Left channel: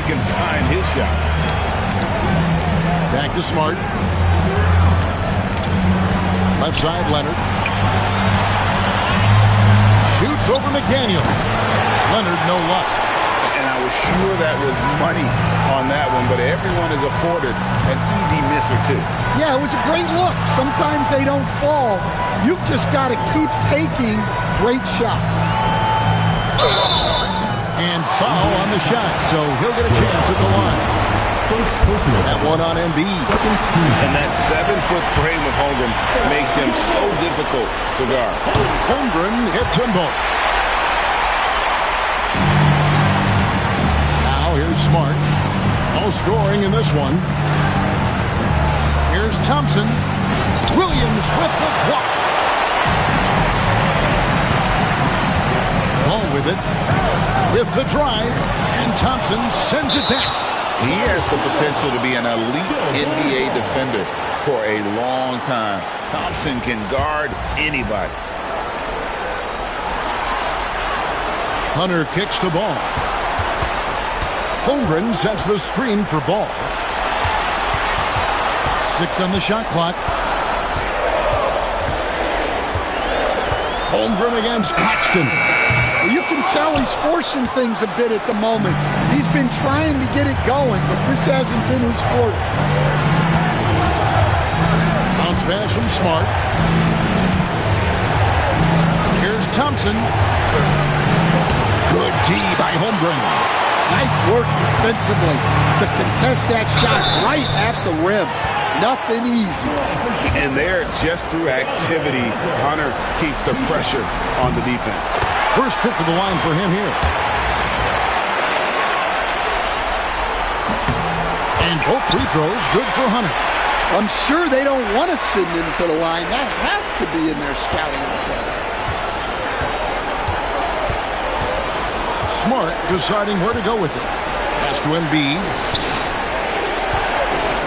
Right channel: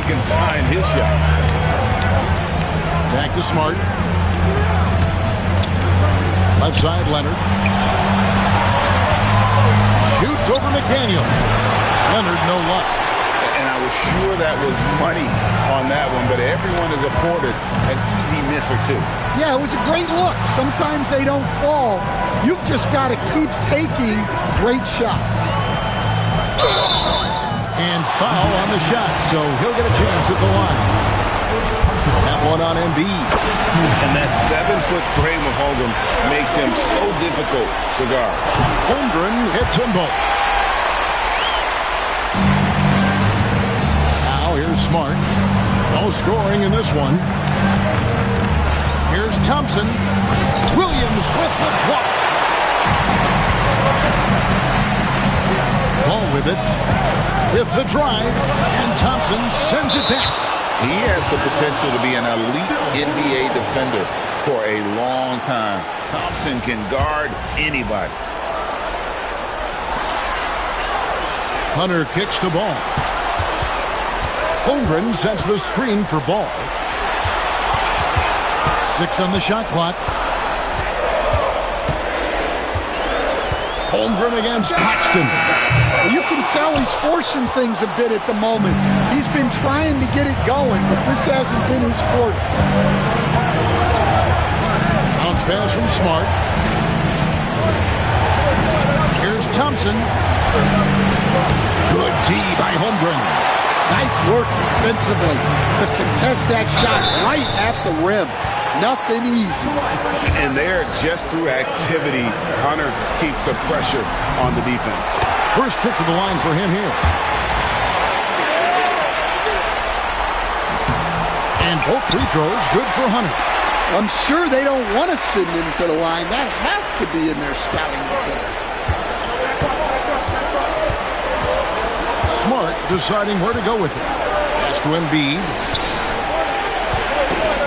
he can find his shot. Back to Smart. Left side, Leonard. Shoots over McDaniel. Leonard, no luck. And I was sure that was money on that one, but everyone is afforded an easy miss or two. Yeah, it was a great look. Sometimes they don't fall. You've just got to keep taking great shots. And foul on the shot, so he'll get a chance at the line. That one on Embiid. And that 7-foot frame of Holmgren makes him so difficult to guard. Holmgren hits them both. Now here's Smart. No scoring in this one. Here's Thompson. Williams with the block. Ball with it. With the drive. And Thompson sends it back. He has the potential to be an elite NBA defender for a long time. Thompson can guard anybody. Hunter kicks the ball. Holmgren sets the screen for Ball. 6 on the shot clock. Holmgren against Claxton. Well, you can tell he's forcing things a bit at the moment. He's been trying to get it going, but this hasn't been his quarter. Bounce pass from Smart. Here's Thompson. Good D by Holmgren. Nice work defensively to contest that shot right at the rim. Nothing easy. And there, just through activity, Hunter keeps the pressure on the defense. First trip to the line for him here. And both free throws good for Hunter. I'm sure they don't want to send him to the line. That has to be in their scouting report. Smart deciding where to go with it. Pass to Embiid.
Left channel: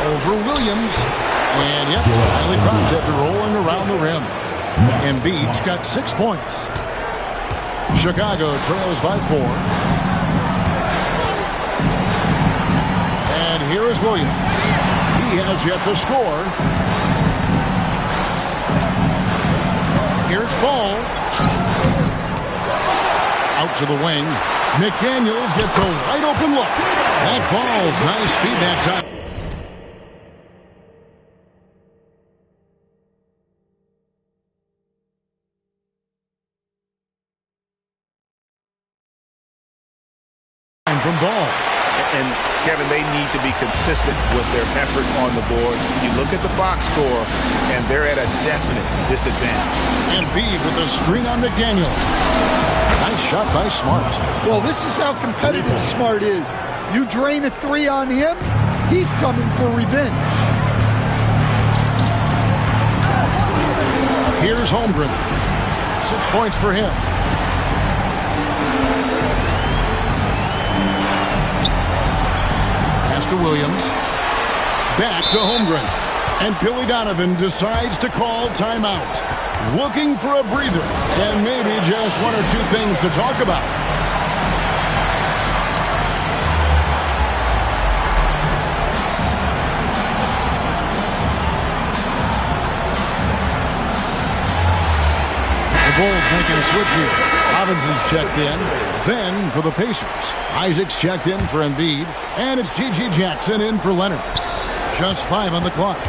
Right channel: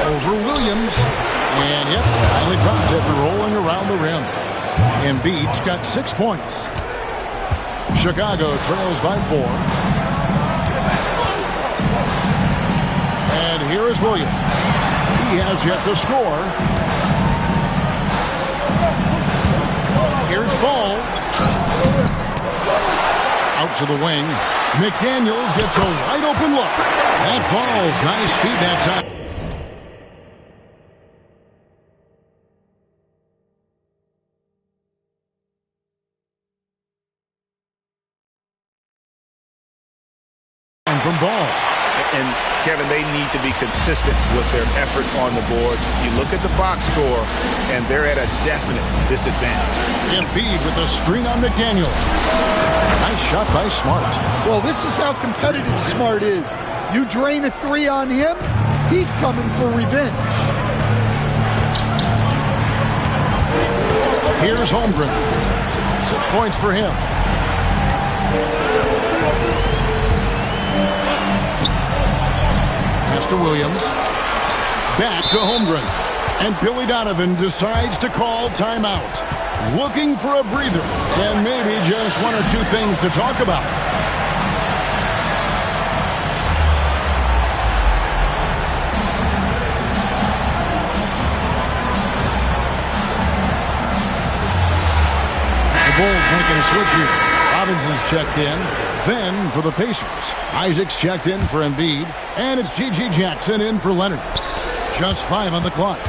Over Williams. And yep, finally drops after rolling around the rim. Embiid's got 6 points. Chicago trails by 4. And here is Williams. He has yet to score. Here's Ball. Out to the wing. McDaniels gets a wide open look. That falls. Nice feed that time. From Ball. And, Kevin, they need to be consistent with their effort on the boards. You look at the box score, and they're at a definite disadvantage. Embiid with the screen on McDaniel. Nice shot by Smart. Well, this is how competitive Smart is. You drain a 3 on him, he's coming for revenge. Here's Holmgren. 6 points for him. Pass to Williams. Back to Holmgren. And Billy Donovan decides to call timeout. Looking for a breather. And maybe just 1 or 2 things to talk about. The Bulls making a switch here. Robinson's checked in. Then for the Pacers, Isaac's checked in for Embiid, and it's G.G. Jackson in for Leonard. Just 5 on the clock.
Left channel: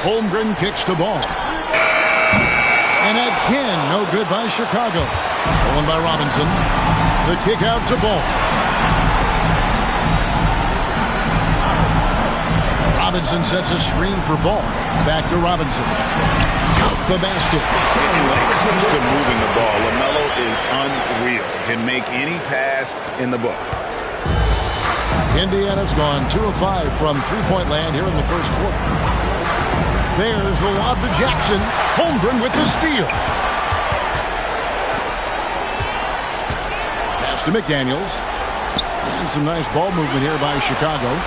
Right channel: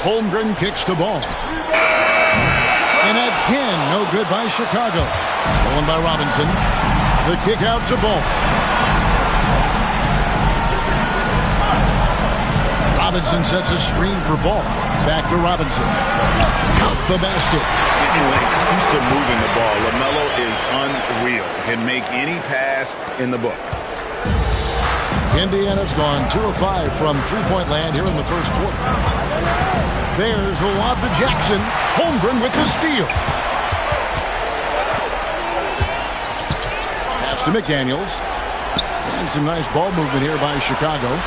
Holmgren kicks the ball. And again, no good by Chicago. Stolen by Robinson. The kick out to Ball. Robinson sets a screen for Ball. Back to Robinson. Out the basket. And when it comes to moving the ball, LaMelo is unreal. Can make any pass in the book. Indiana's gone 2 of 5 from three-point land here in the first quarter. There's the lob to Jackson. Holmgren with the steal. Pass to McDaniels. And some nice ball movement here by Chicago.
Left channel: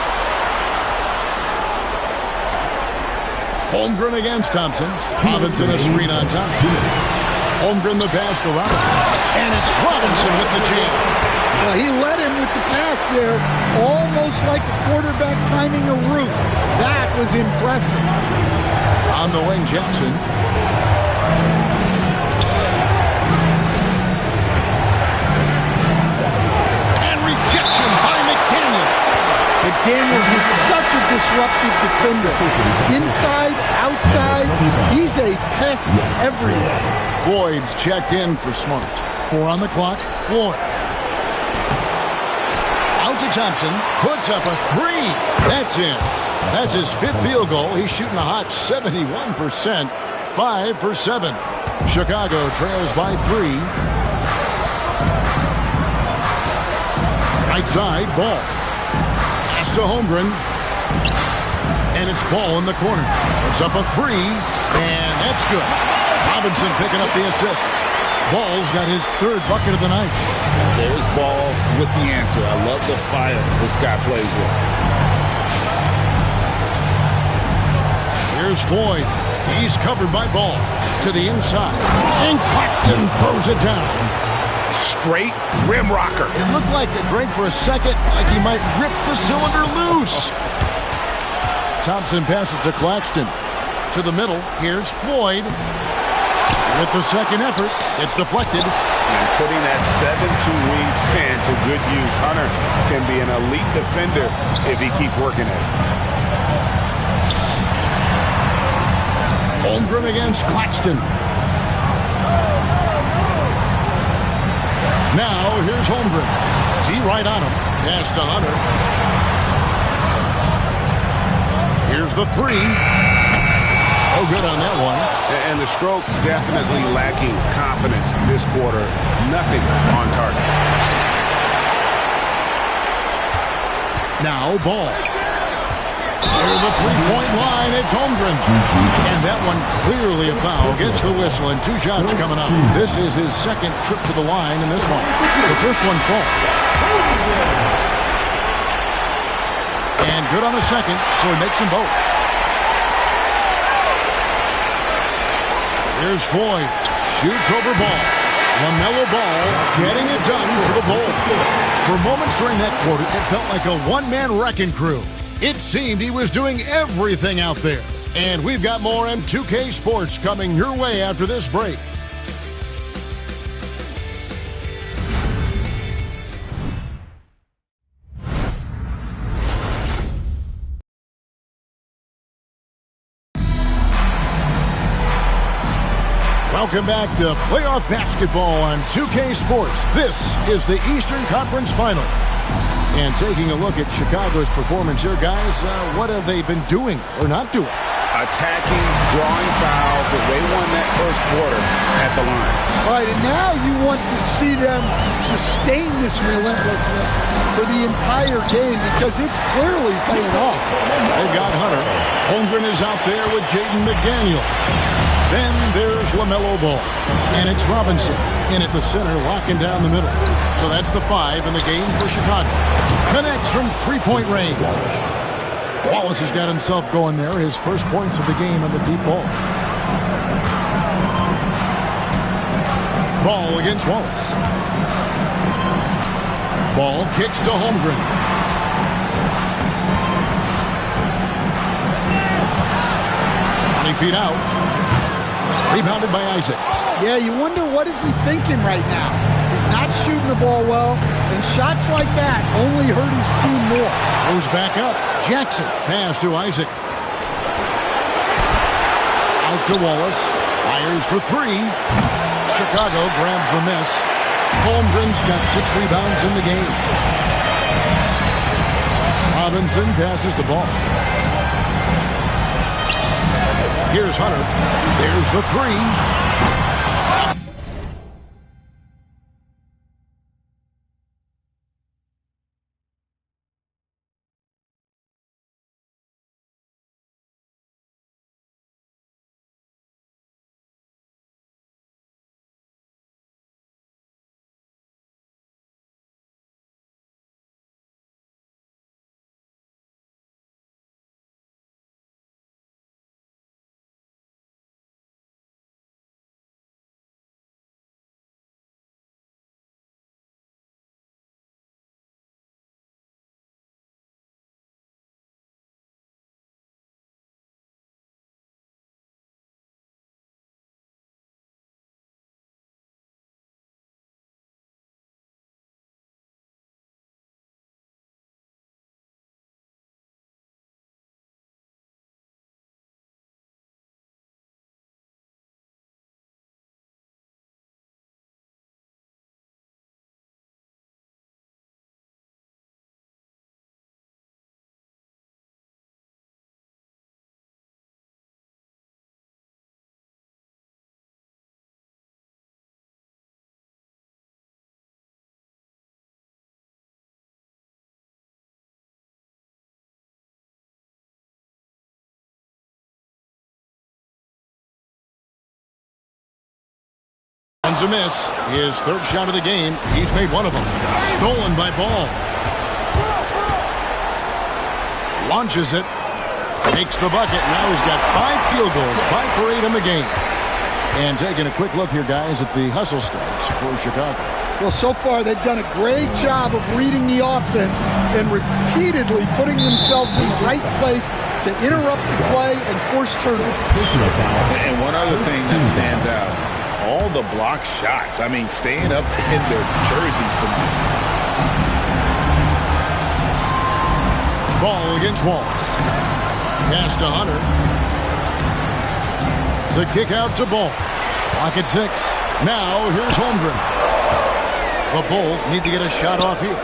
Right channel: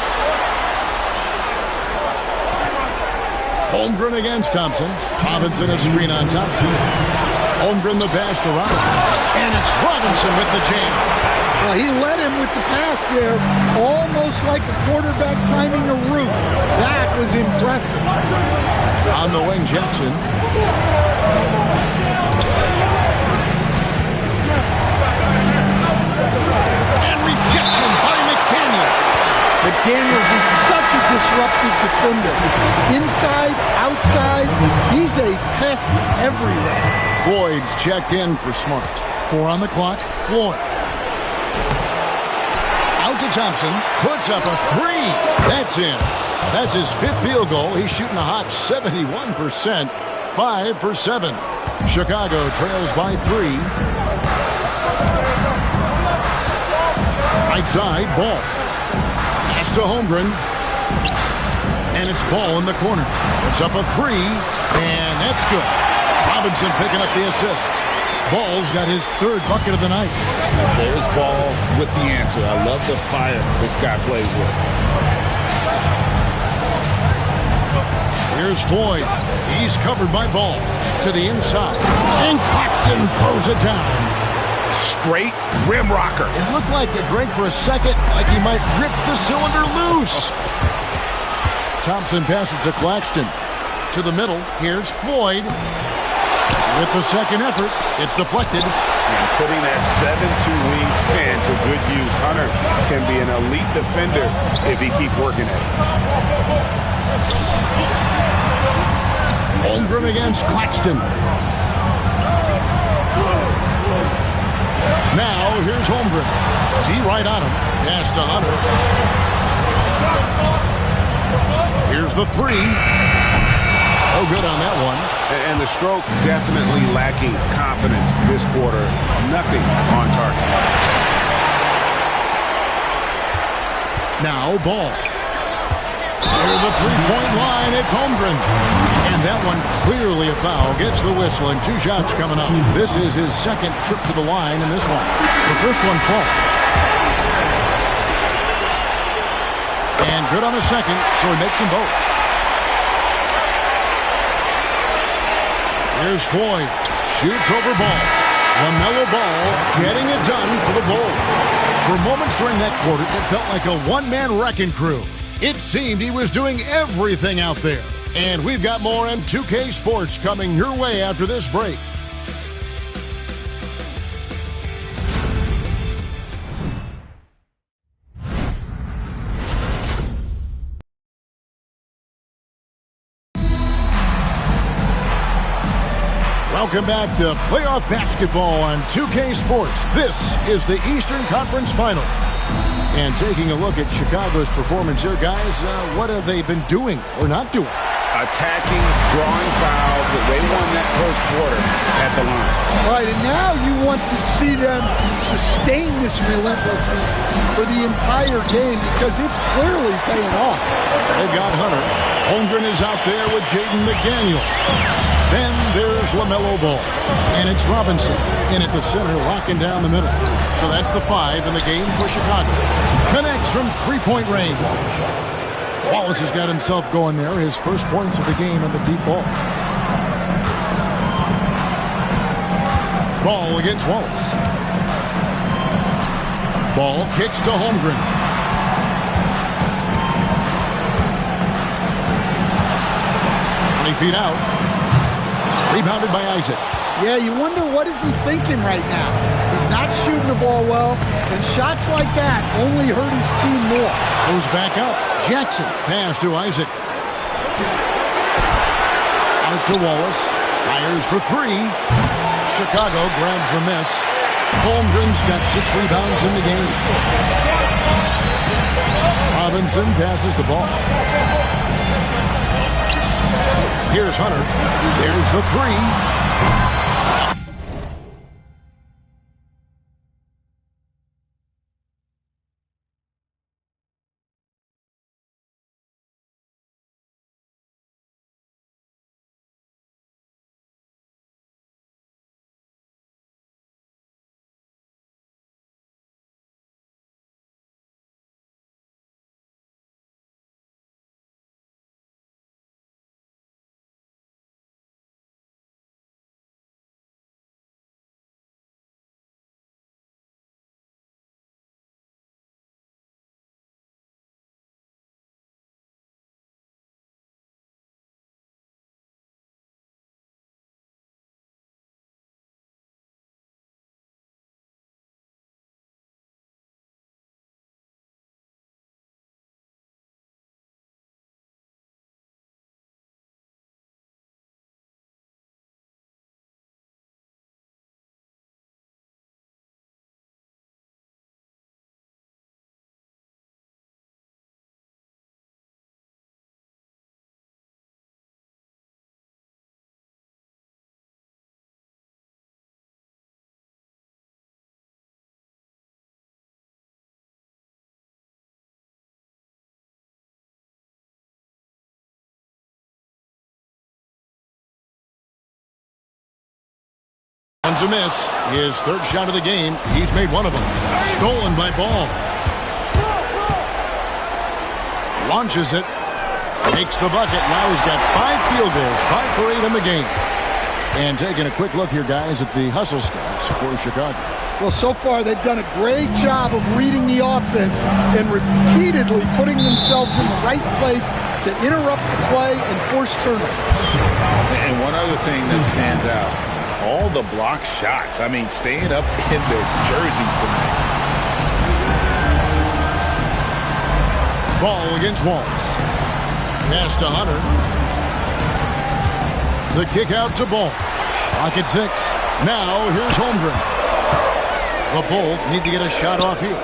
Holmgren against Thompson. Robinson a screen on Thompson. Holmgren the pass to Robinson. And it's Robinson with the jam. He led him with the pass there, almost like a quarterback timing a route. That was impressive. On the wing, Jackson. And rejection by McDaniel. McDaniels is such a disruptive defender. Inside, outside, he's a pest everywhere. Floyd's checked in for Smart. 4 on the clock. Floyd. Out to Thompson. Puts up a 3. That's in. That's his 5th field goal. He's shooting a hot 71%. 5 for 7. Chicago trails by 3. Right side, Ball. Pass to Holmgren. And it's Ball in the corner. Puts up a 3. And that's good. Robinson picking up the assist. Ball's got his 3rd bucket of the night. There's Ball with the answer. I love the fire this guy plays with. Here's Floyd. He's covered by Ball. To the inside. And Claxton throws it down. Straight rim rocker. It looked like a Greg for a second, like he might rip the cylinder loose. Thompson passes to Claxton. To the middle. Here's Floyd. With the second effort, it's deflected. And putting that 7'2" wingspan to good use. Hunter can be an elite defender if he keeps working at it. Holmgren against Claxton. Now, here's Holmgren. D right on him. Pass to Hunter. Here's the 3. Oh, good on that one. And the stroke definitely lacking confidence this quarter. Nothing on target. Now, Ball. Near the three-point line, it's Holmgren. And that one clearly a foul. Gets the whistle, and 2 shots coming up. This is his 2nd trip to the line in this one. The first one falls. And good on the second, so he makes them both. Here's Floyd. Shoots over Ball. LaMelo Ball getting it done for the Bulls. For moments during that quarter, it felt like a one-man wrecking crew. It seemed he was doing everything out there. And we've got more M2K Sports coming your way after this break. Welcome back to playoff basketball on 2K Sports. This is the Eastern Conference Final. And taking a look at Chicago's performance here, guys, what have they been doing or not doing? Attacking, drawing fouls. They won that first quarter at the line. All right, and now you want to see them sustain this relentlessness for the entire game because it's clearly paying off. They've got Hunter. Holmgren is out there with Jaden McDaniel. Then there's LaMelo Ball. And it's Robinson in at the center, locking down the middle. So that's the 5 in the game for Chicago. Connects from 3-point range. Wallace has got himself going there. His first points of the game on the deep ball. Ball against Wallace. Ball kicks to Holmgren. Feet out. Rebounded by Isaac. Yeah, you wonder what is he thinking right now. He's not shooting the ball well, and shots like that only hurt his team more. Goes back up. Jackson. Pass to Isaac. Out to Wallace. Fires for 3. Chicago grabs the miss. Holmgren's got 6 rebounds in the game. Robinson passes the ball. Here's Hunter. There's the 3. one's a miss. His third shot of the game. He's made one of them. Stolen by Ball. Launches it. Makes the bucket. Now he's got 5 field goals. 5 for 8 in the game. And taking a quick look here, guys, at the hustle stats for Chicago. Well, so far they've done a great job of reading the offense and repeatedly putting themselves in the right place to interrupt the play and force turnovers. And one other thing that stands out, all the block shots. I mean, staying up in their jerseys tonight. Ball against Wallace. Pass to Hunter. The kick out to Ball. Clock at 6. Now here's Holmgren. The Bulls need to get a shot off here.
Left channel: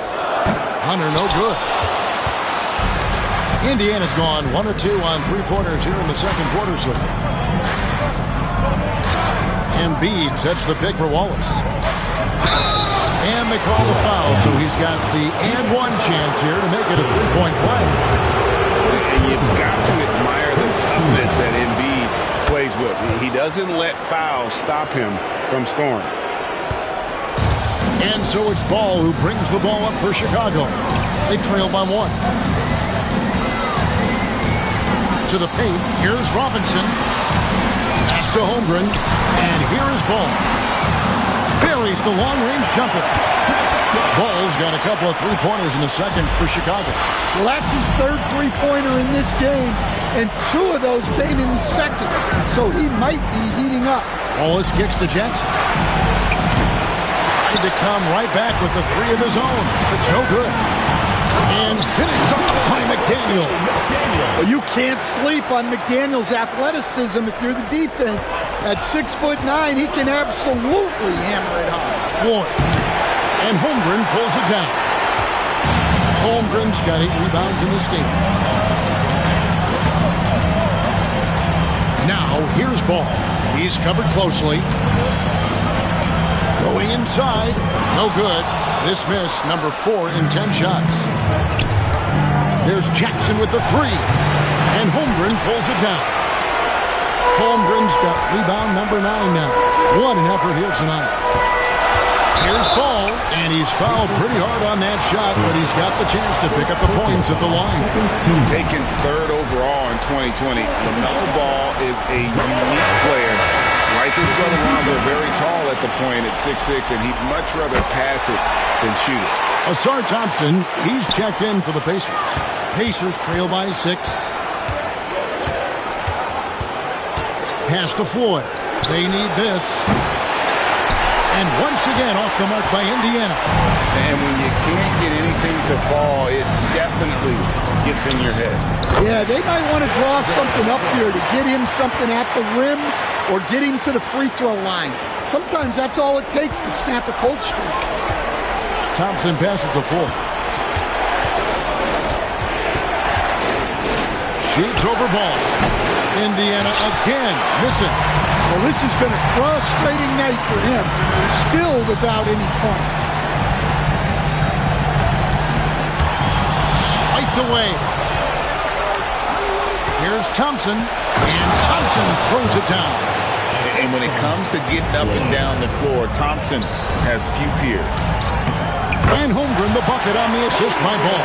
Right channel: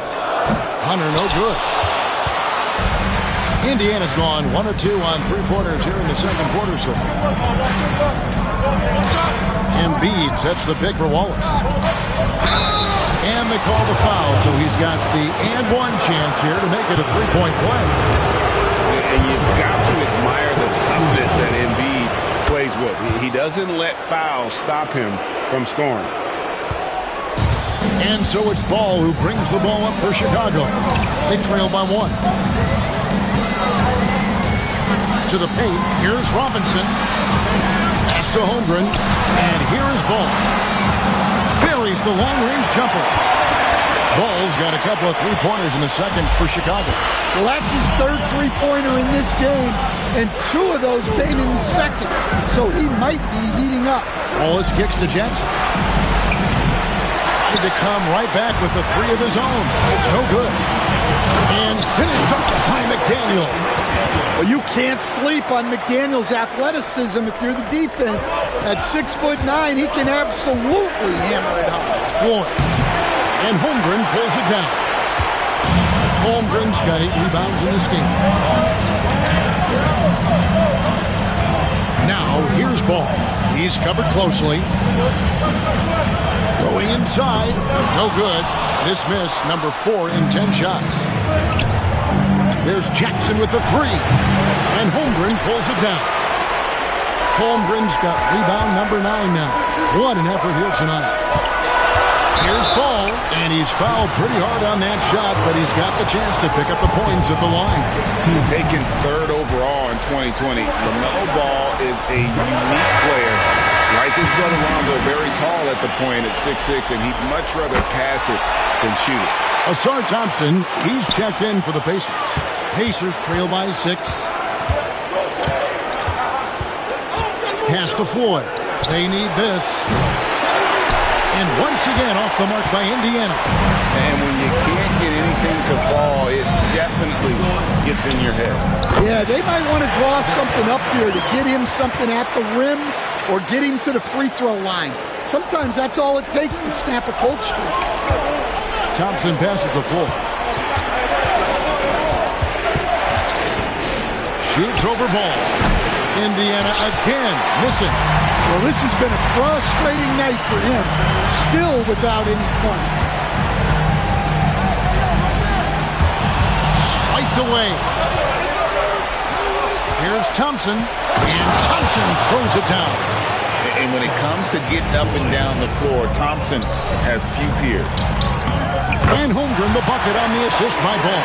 Hunter, no good. Indiana's gone 1 of 2 on 3-pointers here in the second quarter so far. Embiid sets the pick for Wallace. And they call the foul, so he's got the and one chance here to make it a 3-point play. And you've got to admire the toughness that Embiid plays with. He doesn't let fouls stop him from scoring. And so it's Ball who brings the ball up for Chicago. They trail by 1. To the paint, here's Robinson. Pass to Holmgren. And here is Ball. Buries the long-range jumper. Ball's got a couple of 3-pointers in the second for Chicago. Well, that's his third 3-pointer in this game, and 2 of those came in the second, so he might be heating up. Wallace kicks to Jackson. Tried to come right back with the 3 of his own. It's no good. And finished off by McDaniel. Well, you can't sleep on McDaniel's athleticism if you're the defense. At 6'9", he can absolutely hammer it home. Floyd. And Holmgren pulls it down. Holmgren's got 8 rebounds in this game. Now, here's Ball. He's covered closely. Going inside. No good. This miss, number 4 in 10 shots. There's Jackson with the 3. And Holmgren pulls it down. Holmgren's got rebound number 9 now. What an effort here tonight. Here's Ball, and he's fouled pretty hard on that shot, but he's got the chance to pick up the points at the line. Taken 3rd overall in 2020, LaMelo Ball is a unique player. Like his brother Lonzo, very tall at the point at 6'6", and he'd much rather pass it than shoot it. Asar Thompson, he's checked in for the Pacers. Pacers trail by 6. Pass to Floyd. They need this. And once again off the mark by Indiana. And when you can't get anything to fall, it definitely gets in your head. Yeah, they might want to draw something up here to get him something at the rim or get him to the free throw line. Sometimes that's all it takes to snap a cold streak. Thompson passes the floor. Shoots over Ball. Indiana again missing. Well, this has been a frustrating night for him. Still without any points. Swiped away. Here's Thompson. And Thompson throws it down. And when it comes to getting up and down the floor, Thompson has few peers. And Holmgren the bucket on the assist by Ball.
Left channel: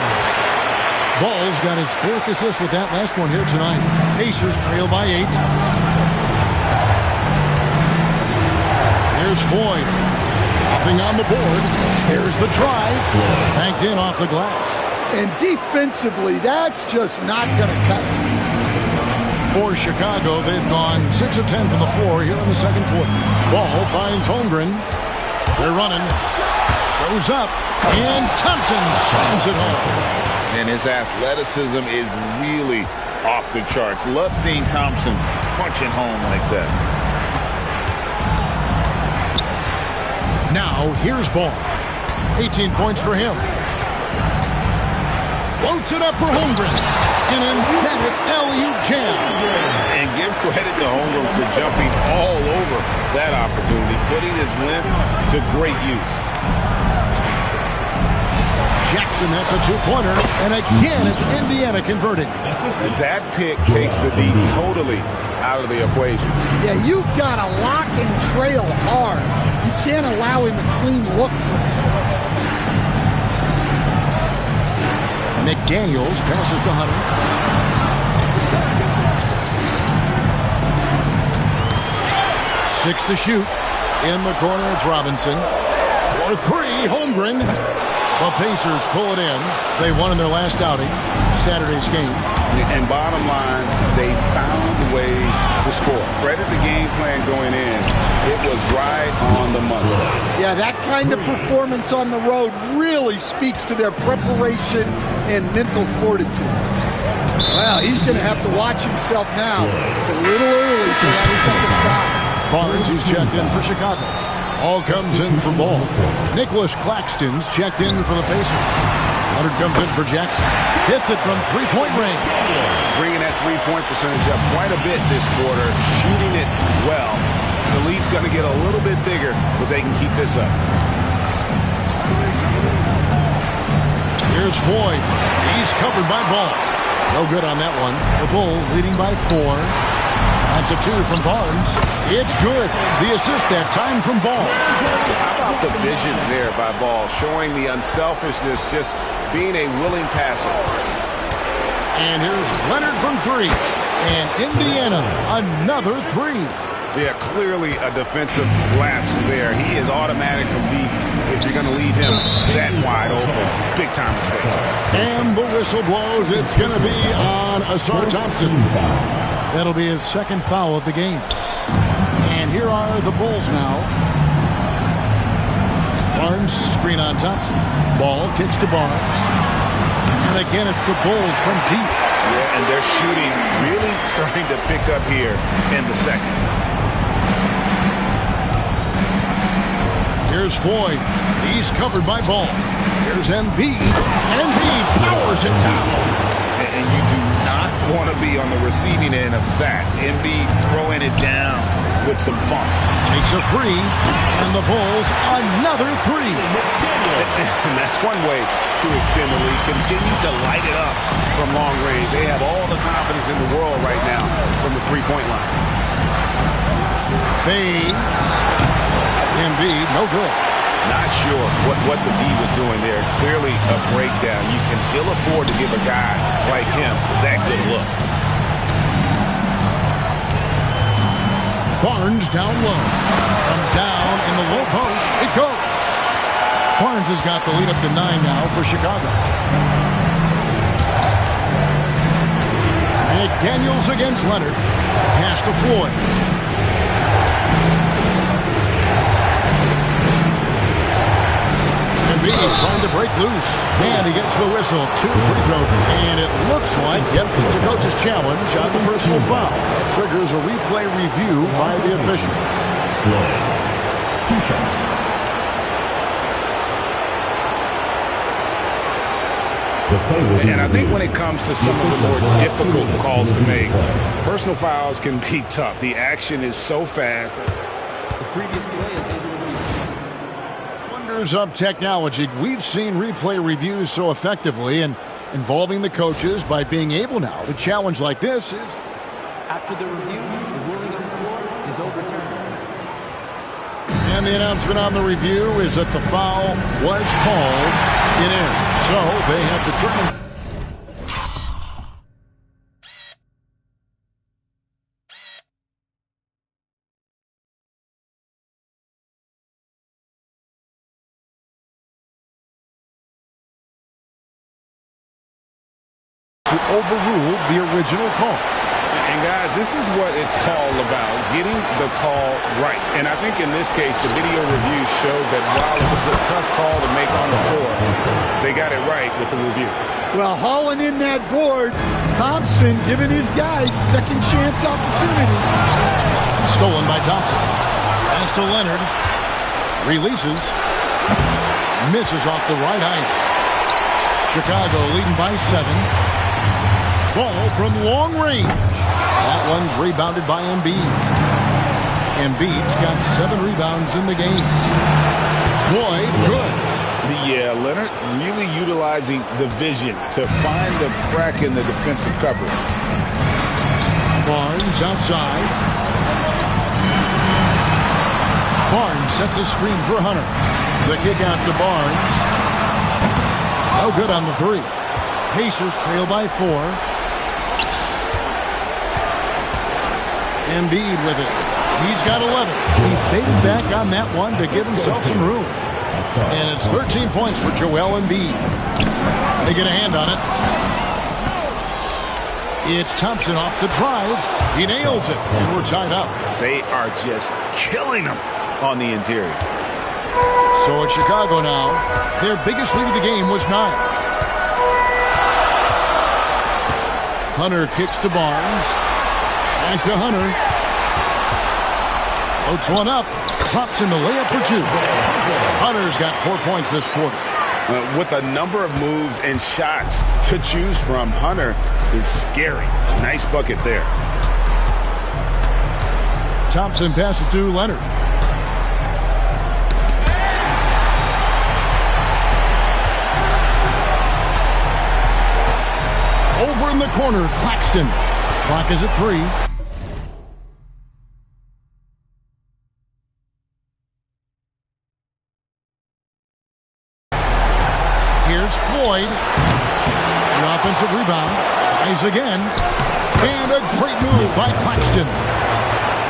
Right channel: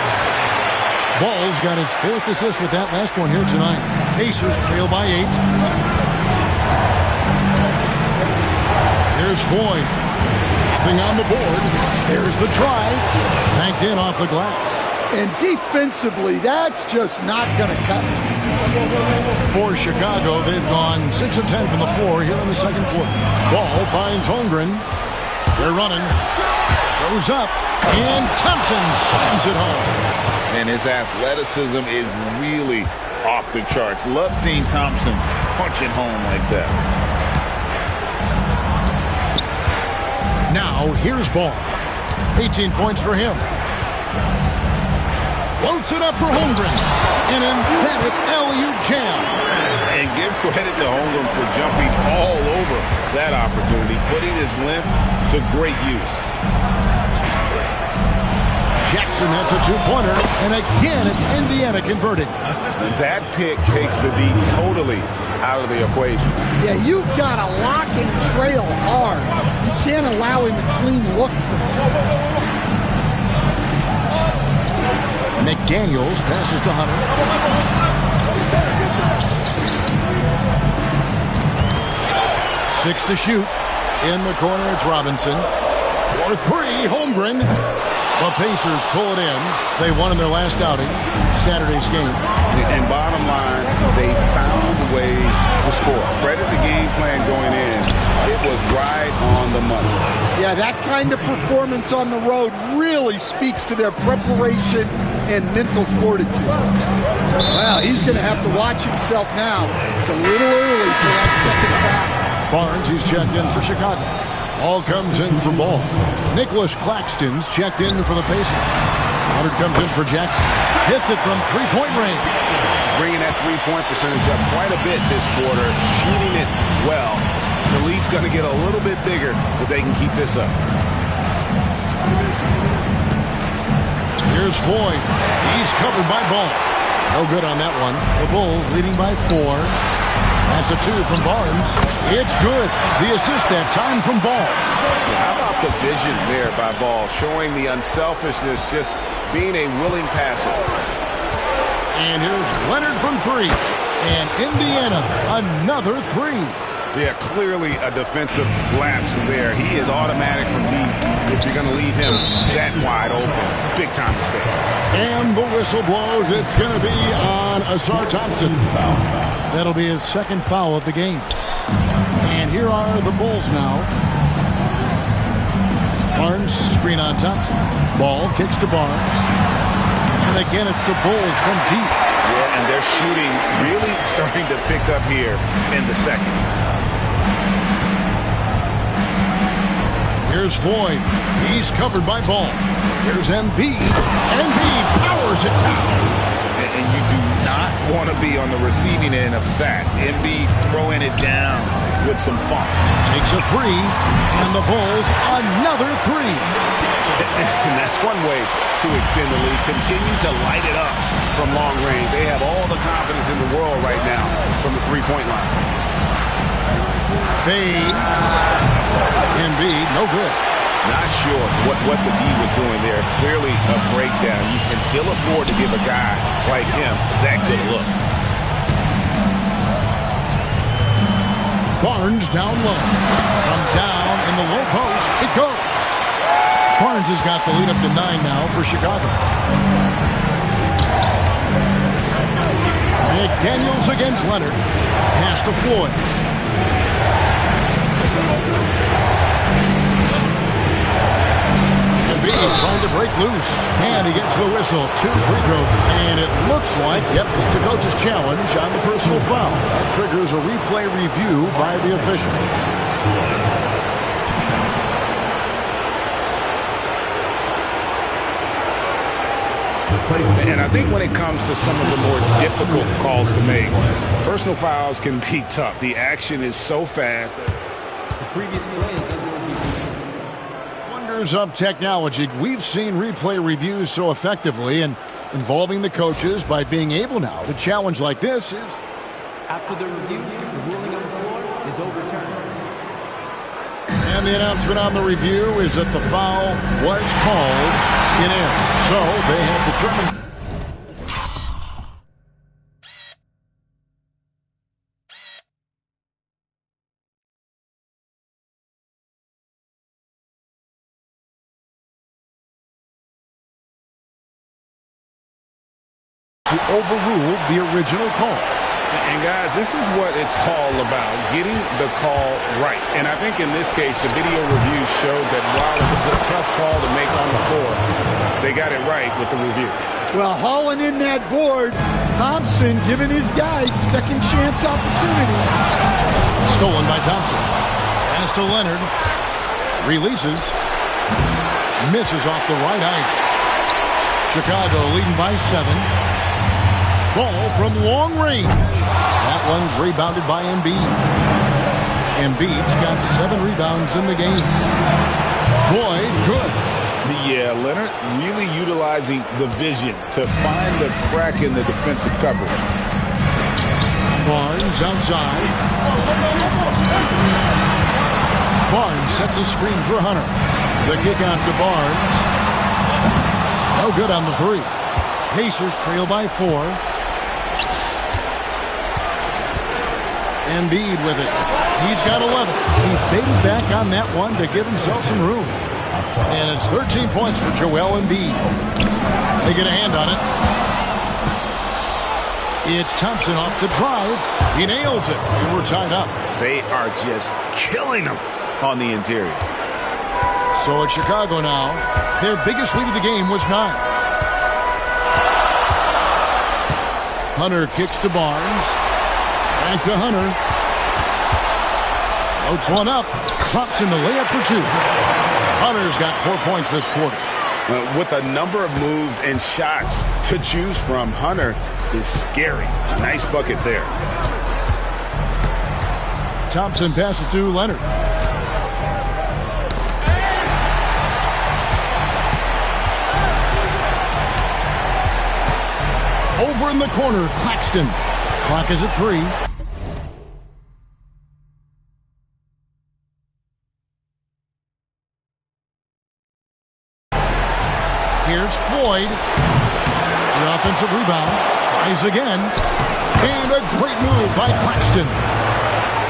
Ball's got his 4th assist with that last one here tonight. Pacers trail by 8. Here's Floyd. Nothing on the board. There's the drive. Banked in off the glass. And defensively, that's just not going to cut it. For Chicago, they've gone 6 of 10 from the floor here in the second quarter. Ball finds Holmgren. They're running. Goes up. And Thompson slams it home. And his athleticism is really off the charts. Love seeing Thompson punching home like that. Now, here's Ball. 18 points for him. Floats it up for Holmgren. An emphatic alley-oop jam. And give credit to Holmgren for jumping all over that opportunity, putting his length to great use. Jackson, that's a 2-pointer. And again, it's Indiana converting. That pick takes the D totally out of the equation. Yeah, you've got to lock and trail hard. You can't allow him a clean look for McDaniels passes to Hunter. Six to shoot. In the corner, it's Robinson. For three, Holmgren. The Pacers pull it in. They won in their last outing, Saturday's game. And bottom line, they found ways to score. Credit the game plan going in. It was right on the money. Yeah, that kind of performance on the road really speaks to their preparation and mental fortitude. Well, he's going to have to watch himself now. It's a little early for that second foul. Barnes, he's checked in for Chicago. Ball comes in for Ball. Nicholas Claxton's checked in for the Pacers. Leonard comes in for Jackson. Hits it from three-point range. Bringing that three-point percentage up quite a bit this quarter. Shooting it well. The lead's going to get a little bit bigger, but they can keep this up. Here's Floyd. He's covered by Ball. No good on that one. The Bulls leading by 4. That's a 2 from Barnes. It's good. The assist that time from Ball. How about the vision there by Ball, showing the unselfishness, just being a willing passer. And here's Leonard from 3. And Indiana, another 3. Yeah, clearly a defensive lapse there. He is automatic from deep if you're going to leave him that wide open. Big time mistake. And the whistle blows. It's going to be on Asar Thompson. That'll be his second foul of the game. And here are the Bulls now. Barnes screen on Thompson. Ball kicks to Barnes. And again, it's the Bulls from deep. Yeah, and they're shooting really starting to pick up here in the second. Here's Floyd. He's covered by Ball. Here's Embiid. Embiid powers it down. And you do not want to be on the receiving end of that. Embiid throwing it down with some funk. Takes a 3, and the Bulls another 3. And that's one way to extend the lead. Continue to light it up from long range. They have all the confidence in the world right now from the three-point line. Fades. Embiid, no good. Not sure what the D was doing there. Clearly a breakdown. You can ill afford to give a guy like him that good a look. Barnes down low. From down in the low post, it goes. Barnes has got the lead up to 9 now for Chicago. McDaniels against Leonard. Pass to Floyd. Embiid trying to break loose. And he gets the whistle. 2 free throws. And it looks like, yep, it's a coach's challenge on the personal foul. That triggers a replay review by the official. 2 shots. And I think when it comes to some of the more difficult calls to make, personal fouls can be tough. The action is so fast. The previous play is under review. Wonders of technology. We've seen replay reviews so effectively and involving the coaches by being able now to challenge like this is. After the review, the ruling on the floor is overturned. And the announcement on the review is that the foul was called in error. So they have determined. To overrule the original call. And guys, this is what it's all about, getting the call right. And I think in this case, the video review showed that while it was a tough call to make on the floor, they got it right with the review. Well, hauling in that board, Thompson giving his guys second chance opportunity. Stolen by Thompson. Pass to Leonard. Releases. Misses off the right eye. Chicago leading by 7. Ball from long range. That one's rebounded by Embiid. Embiid's got 7 rebounds in the game. Floyd, good. Yeah, Leonard really utilizing the vision to find the crack in the defensive coverage. Barnes outside. Barnes sets a screen for Hunter. The kick out to Barnes. No good on the three. Pacers trail by 4. Embiid with it. He's got 11. He faded back on that one to give himself some room. And it's 13 points for Joel Embiid. They get a hand on it. It's Thompson off the drive. He nails it, and we're tied up. They are just killing them on the interior. So it's Chicago now. Their biggest lead of the game was 9. Hunter kicks to Barnes. Back to Hunter. Floats one up. Klops in the layup for 2. Hunter's got 4 points this quarter. With a number of moves and shots to choose from, Hunter is scary. Nice bucket there. Thompson passes to Leonard. Over in the corner, Claxton. Clock is at 3. Here's Floyd. The offensive rebound. Tries again. And a great move by Claxton.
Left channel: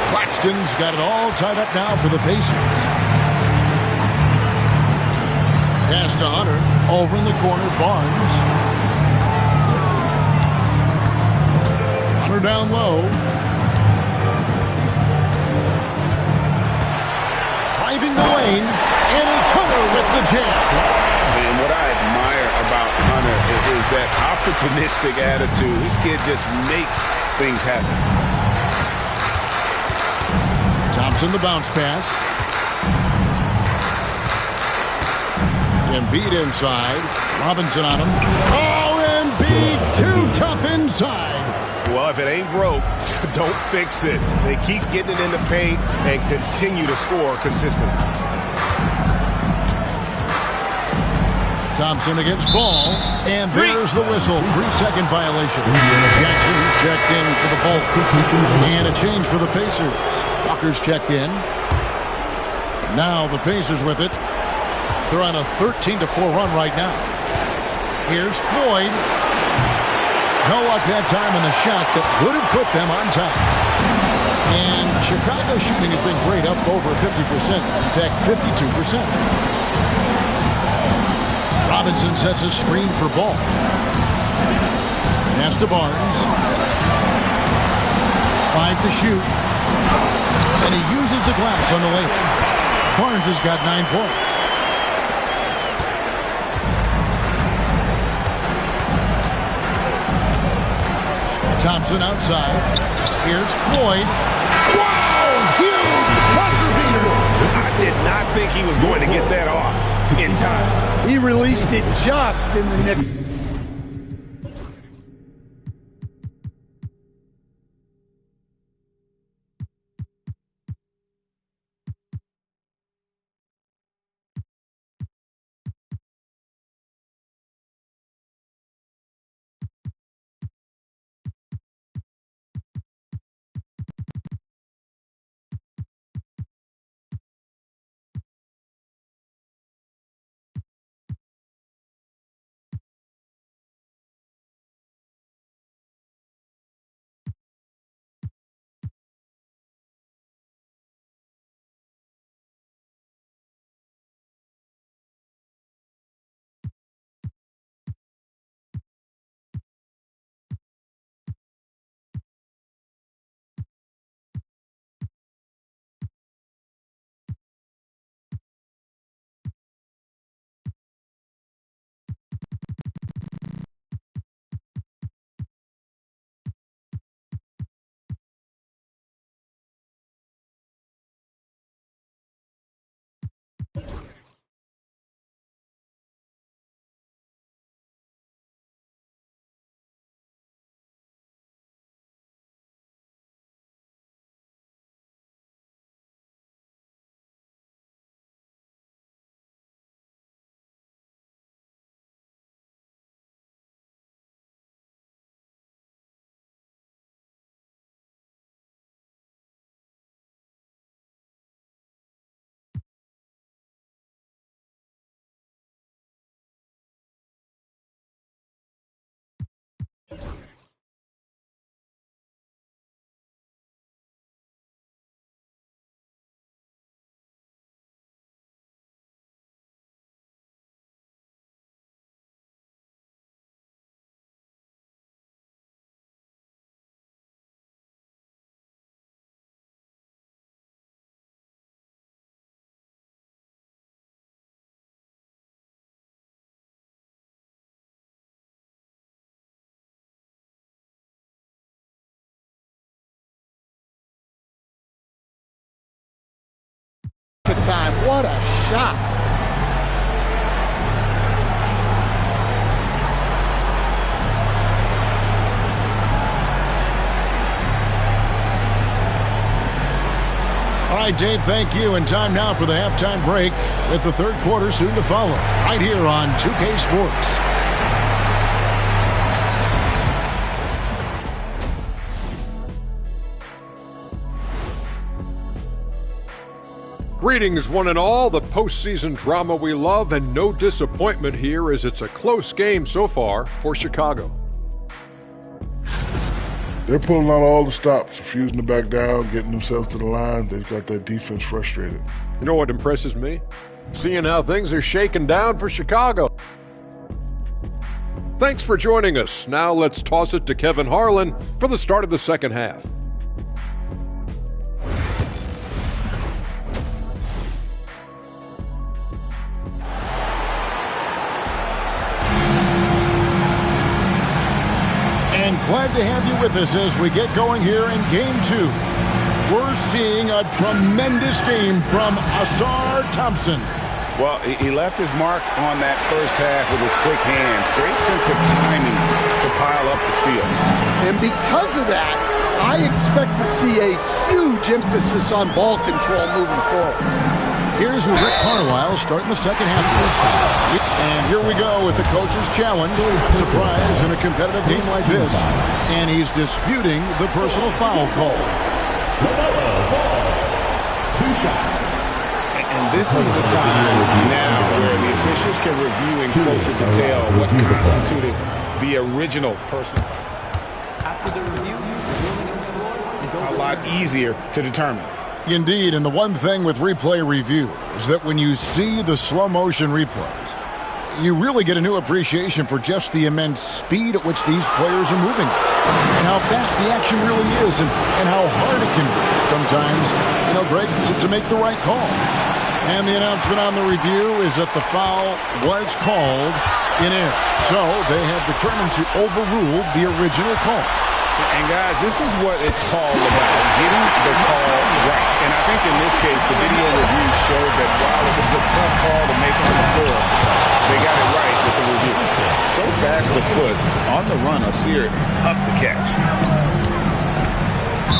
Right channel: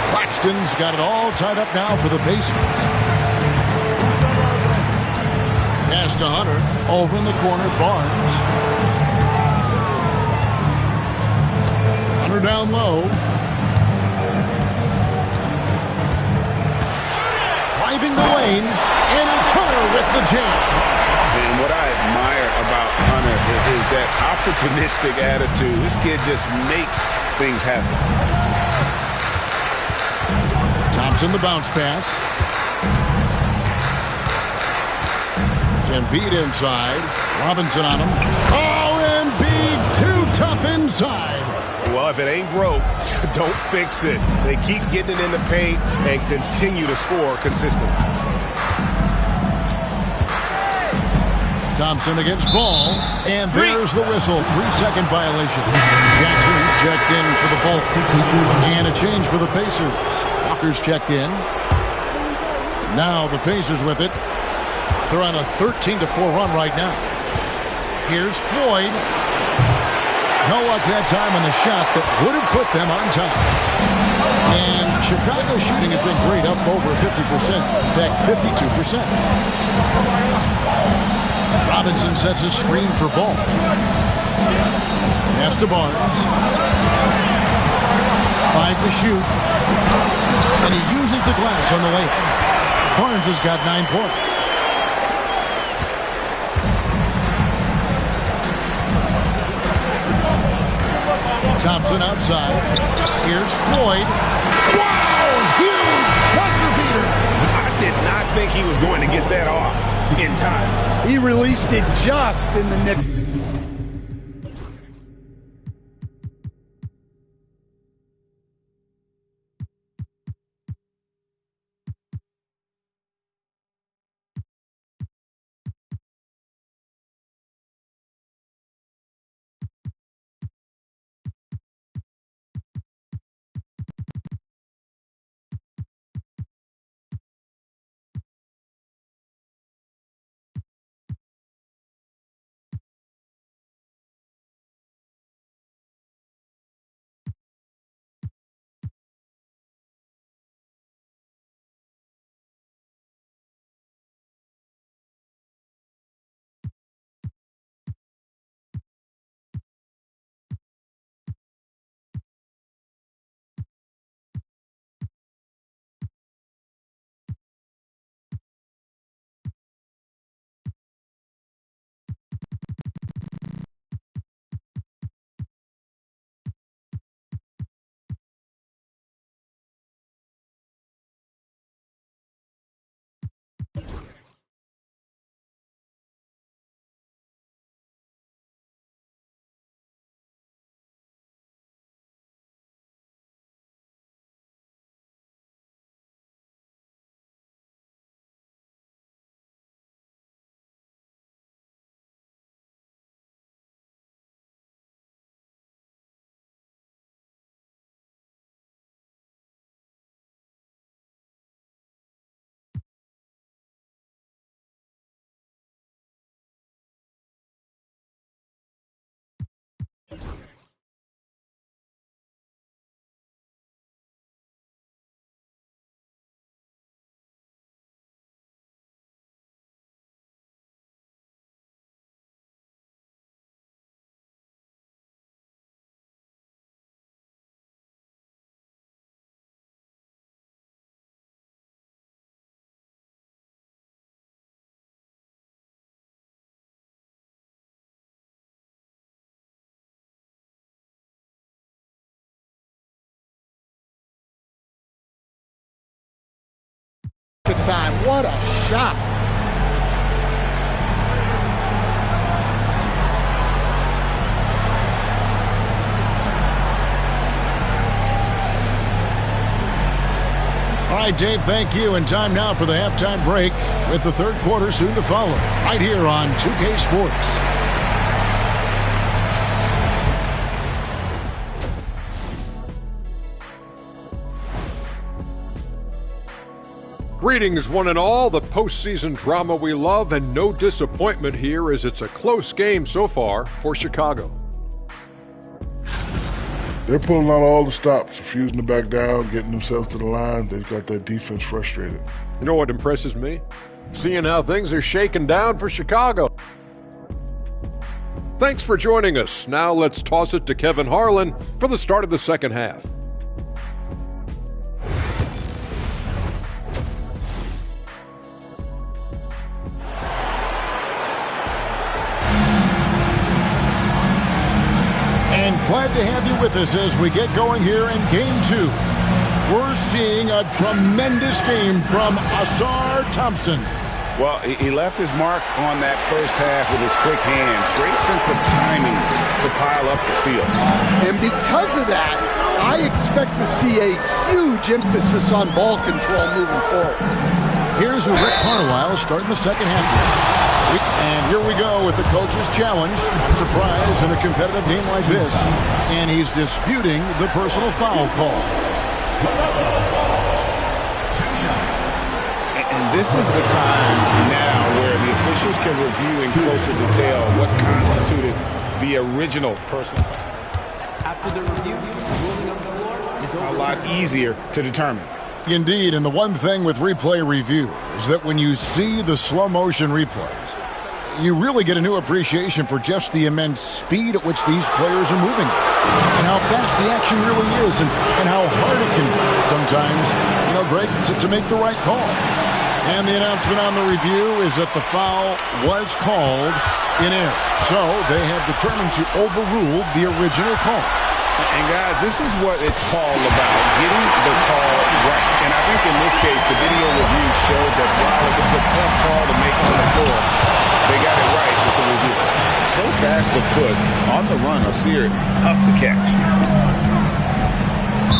Claxton's got it all tied up now for the Pacers. Pass to Hunter. Over in the corner, Barnes. Hunter down low. Driving the lane. And it's Hunter with the jam. And what I admire about Hunter is that opportunistic attitude. This kid just makes things happen. Thompson the bounce pass. Embiid inside. Robinson on him. Oh, Embiid too tough inside. Well, if it ain't broke, don't fix it. They keep getting it in the paint and continue to score consistently. Thompson against Ball, and there's the whistle. 3-second violation. Jackson is checked in for the Bulls. And a change for the Pacers. Walker's checked in. Now the Pacers with it. They're on a 13-4 run right now. Here's Floyd. No luck that time on the shot that would have put them on top. And Chicago's shooting has been great, up over 50%. In fact, 52%. Robinson sets a screen for Ball. Pass to Barnes. 5 to shoot. And he uses the glass on the layup. Barnes has got 9 points. Thompson outside. Here's Floyd. Wow! Huge buzzer beater! I did not think he was going to get that off in time. He released it just in the nick. Time. What a shot. All right, Dave, thank you. And time now for the halftime break with the third quarter soon to follow right here on 2K Sports. Greetings, one and all. The postseason drama we love, and no disappointment here as it's a close game so far for Chicago. They're pulling out all the stops, refusing to back down, getting themselves to the line. They've got that defense frustrated. You know what impresses me? Seeing how things are shaking down for Chicago. Thanks for joining us. Now let's toss it to Kevin Harlan for the start of the second half. And glad to have you with us as we get going here in Game 2. We're seeing a tremendous game from Asar Thompson. Well, he left his mark on that first half with his quick hands. Great sense of timing to pile up the steals. And because of that, I expect to see a huge emphasis on ball control moving forward. Here's Rick Carlisle starting the second half. And here we go with the coach's challenge. Surprise in a competitive game like this. And he's disputing the personal foul call. 2 shots. And this is the time now where the officials can review in closer detail what constituted the original personal foul. After the review, the ruling on the floor is overturned. A lot easier to determine. Indeed, and the one thing with replay review is that when you see the slow motion replays, you really get a new appreciation for just the immense speed at which these players are moving and how fast the action really is and how hard it can be sometimes, Greg, to make the right call. And the announcement on the review is that the foul was called in error. So they have determined to overrule the original call. And, guys, this is what it's all about, getting the call right. And I think in this case, the video review showed that while it was a tough call to make on the floor, they got it right with the review. So fast of foot, on the run, Asir, tough to catch.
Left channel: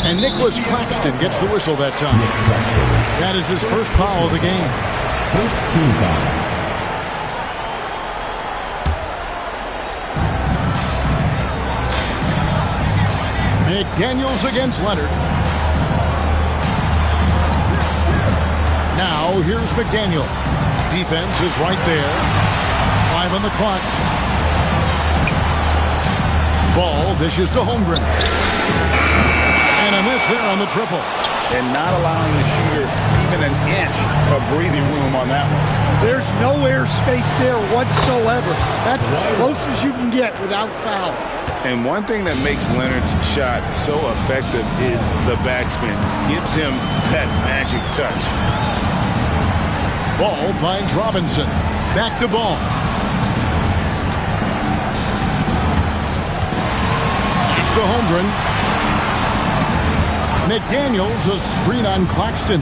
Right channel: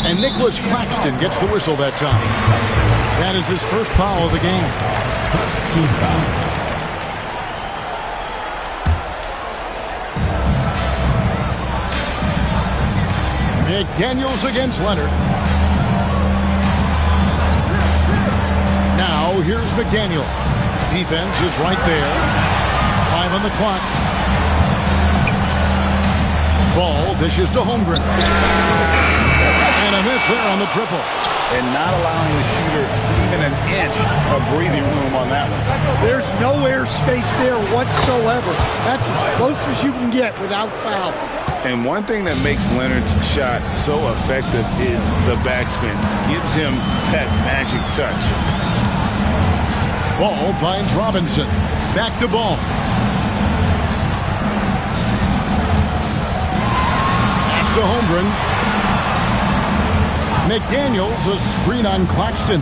And Nicholas Claxton gets the whistle that time. That is his first foul of the game. First team foul. McDaniels against Leonard. Now here's McDaniel. Defense is right there. 5 on the clock. Ball dishes to Holmgren. And a miss there on the triple. And not allowing the shooter even an inch of breathing room on that one. There's no air space there whatsoever. That's as close as you can get without fouling. And one thing that makes Leonard's shot so effective is the backspin. Gives him that magic touch. Ball finds Robinson. Back to Ball. Just to Holmgren. McDaniels, a screen on Claxton.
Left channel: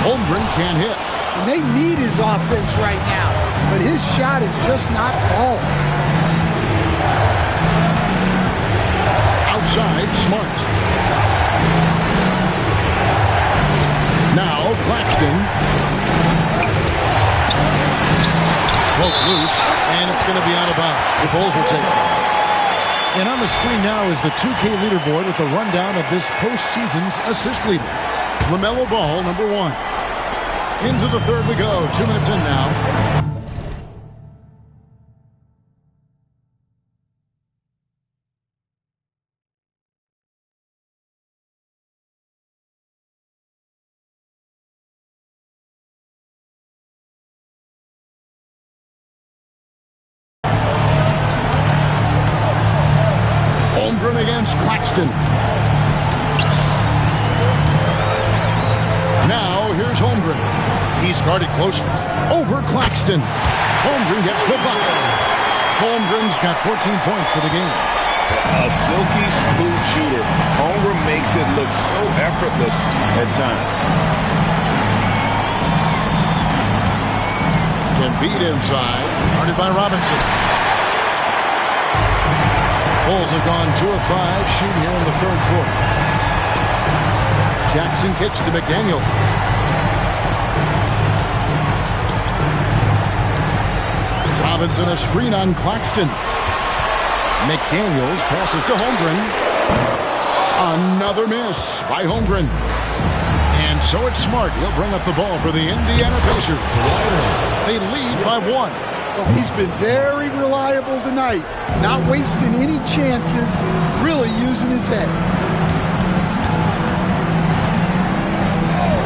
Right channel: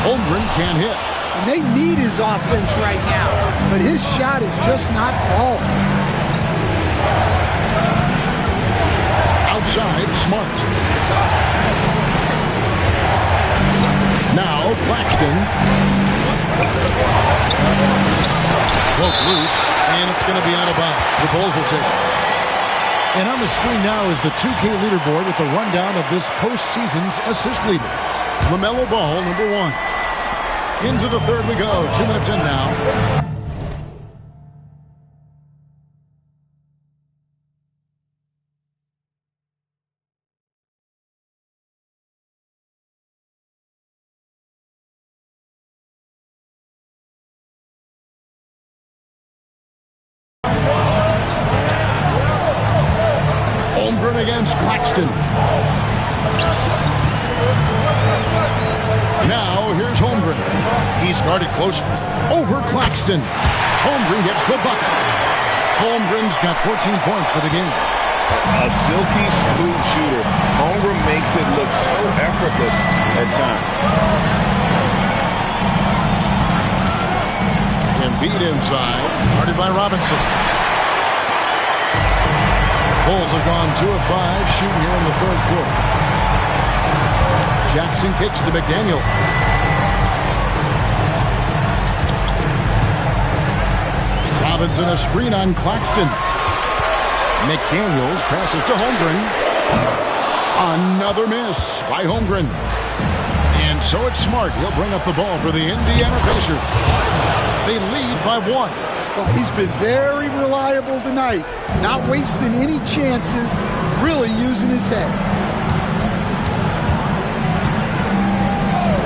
Holmgren can't hit. And they need his offense right now, but his shot is just not falling. Outside, Smart. Now Claxton. Broke loose, and it's going to be out of bounds. The Bulls will take it. And on the screen now is the 2K leaderboard with a rundown of this postseason's assist leaders. LaMelo Ball, number 1. Into the third we go. 2 minutes in now. Holmgren against Claxton. Now here's Holmgren. He's guarded close over Claxton. Holmgren gets the bucket. Holmgren's got 14 points for the game. A silky smooth shooter. Holmgren makes it look so effortless at times. Embiid inside, guarded by Robinson. Bulls have gone 2 of 5 shooting here in the third quarter. Jackson kicks to McDaniel. Robinson a screen on Claxton. McDaniels passes to Holmgren. Another miss by Holmgren. And so it's Smart. He'll bring up the ball for the Indiana Pacers. They lead by 1. Well, he's been very reliable tonight. Not wasting any chances. Really using his head.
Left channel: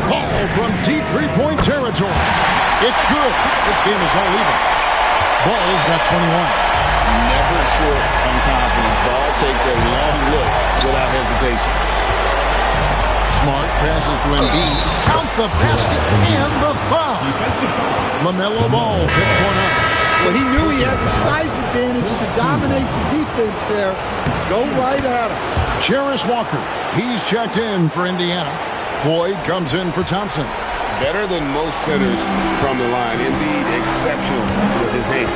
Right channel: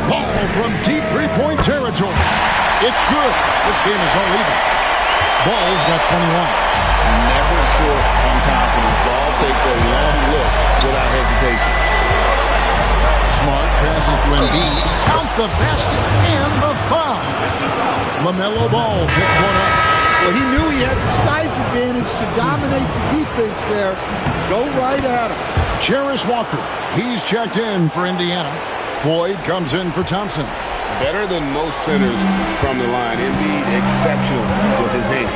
Ball from deep three-point territory. It's good. This game is all even. Ball's got 21. Never short on confidence. Ball takes a long look without hesitation. Smart passes to Embiid. Count the basket and the foul. LaMelo Ball picks one up. Well, he knew he had the size advantage to dominate the defense there. Go right at him. Jarris Walker. He's checked in for Indiana. Floyd comes in for Thompson. Better than most centers from the line. Embiid exceptional with his hands.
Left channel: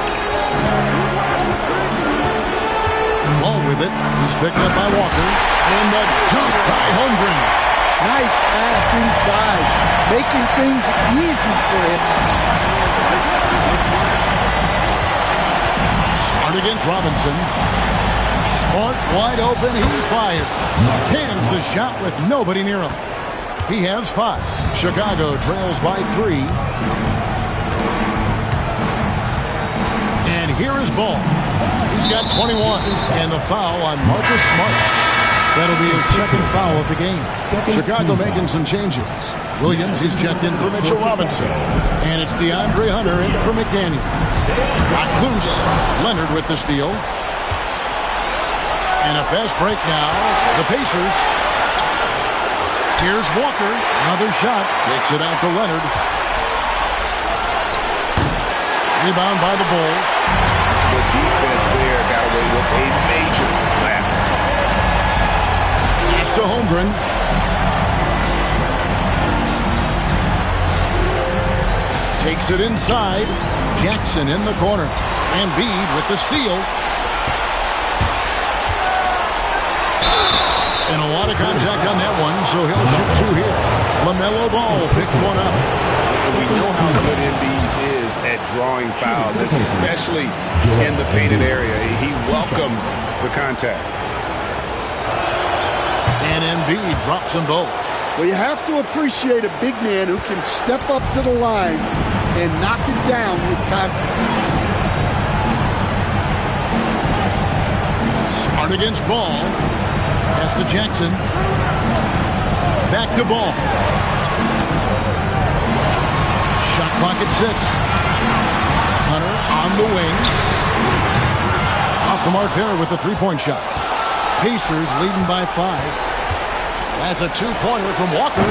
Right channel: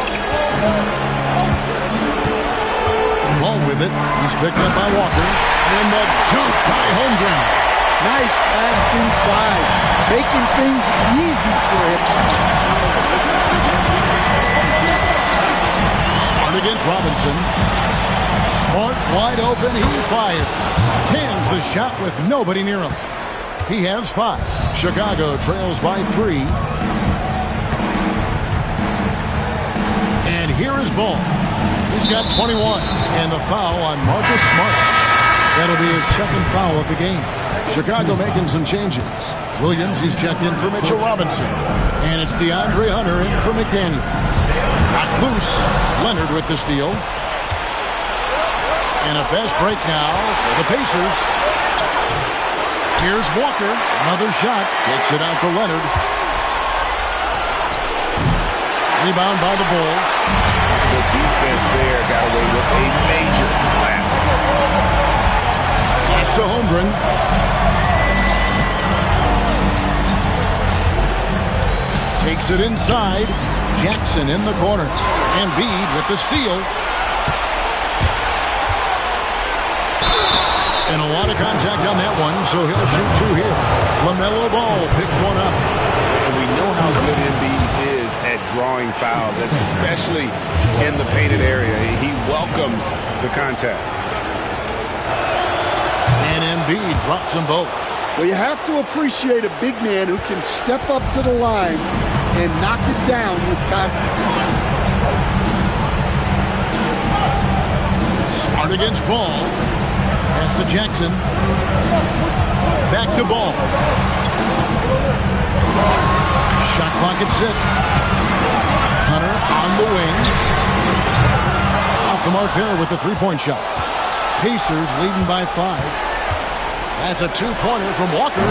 Ball with it. He's picked up by Walker. And the dunk by Holmgren. Nice pass inside. Making things easy for him. Smart against Robinson. Smart wide open. He fires. Cans the shot with nobody near him. He has 5. Chicago trails by 3. And here is Ball. He's got 21. And the foul on Marcus Smart. That'll be his second foul of the game. Chicago making some changes. Williams, he's checked in for Mitchell Robinson. And it's DeAndre Hunter in for McDaniel. Got loose. Leonard with the steal. And a fast break now for the Pacers. Here's Walker. Another shot. Takes it out to Leonard. Rebound by the Bulls. The defense there got away with a major lapse. Pass to Holmgren. Takes it inside. Jackson in the corner. Embiid with the steal. And a lot of contact on that one, so he'll shoot 2 here. LaMelo Ball picks one up. And we know how good Embiid is at drawing fouls, especially in the painted area. He welcomes the contact. And Embiid drops them both. Well, you have to appreciate a big man who can step up to the line and knock it down with confidence. Smart against Ball. Pass to Jackson. Back to Ball. Shot clock at 6. Hunter on the wing. Off the mark there with the three-point shot. Pacers leading by 5. That's a 2-pointer from Walker.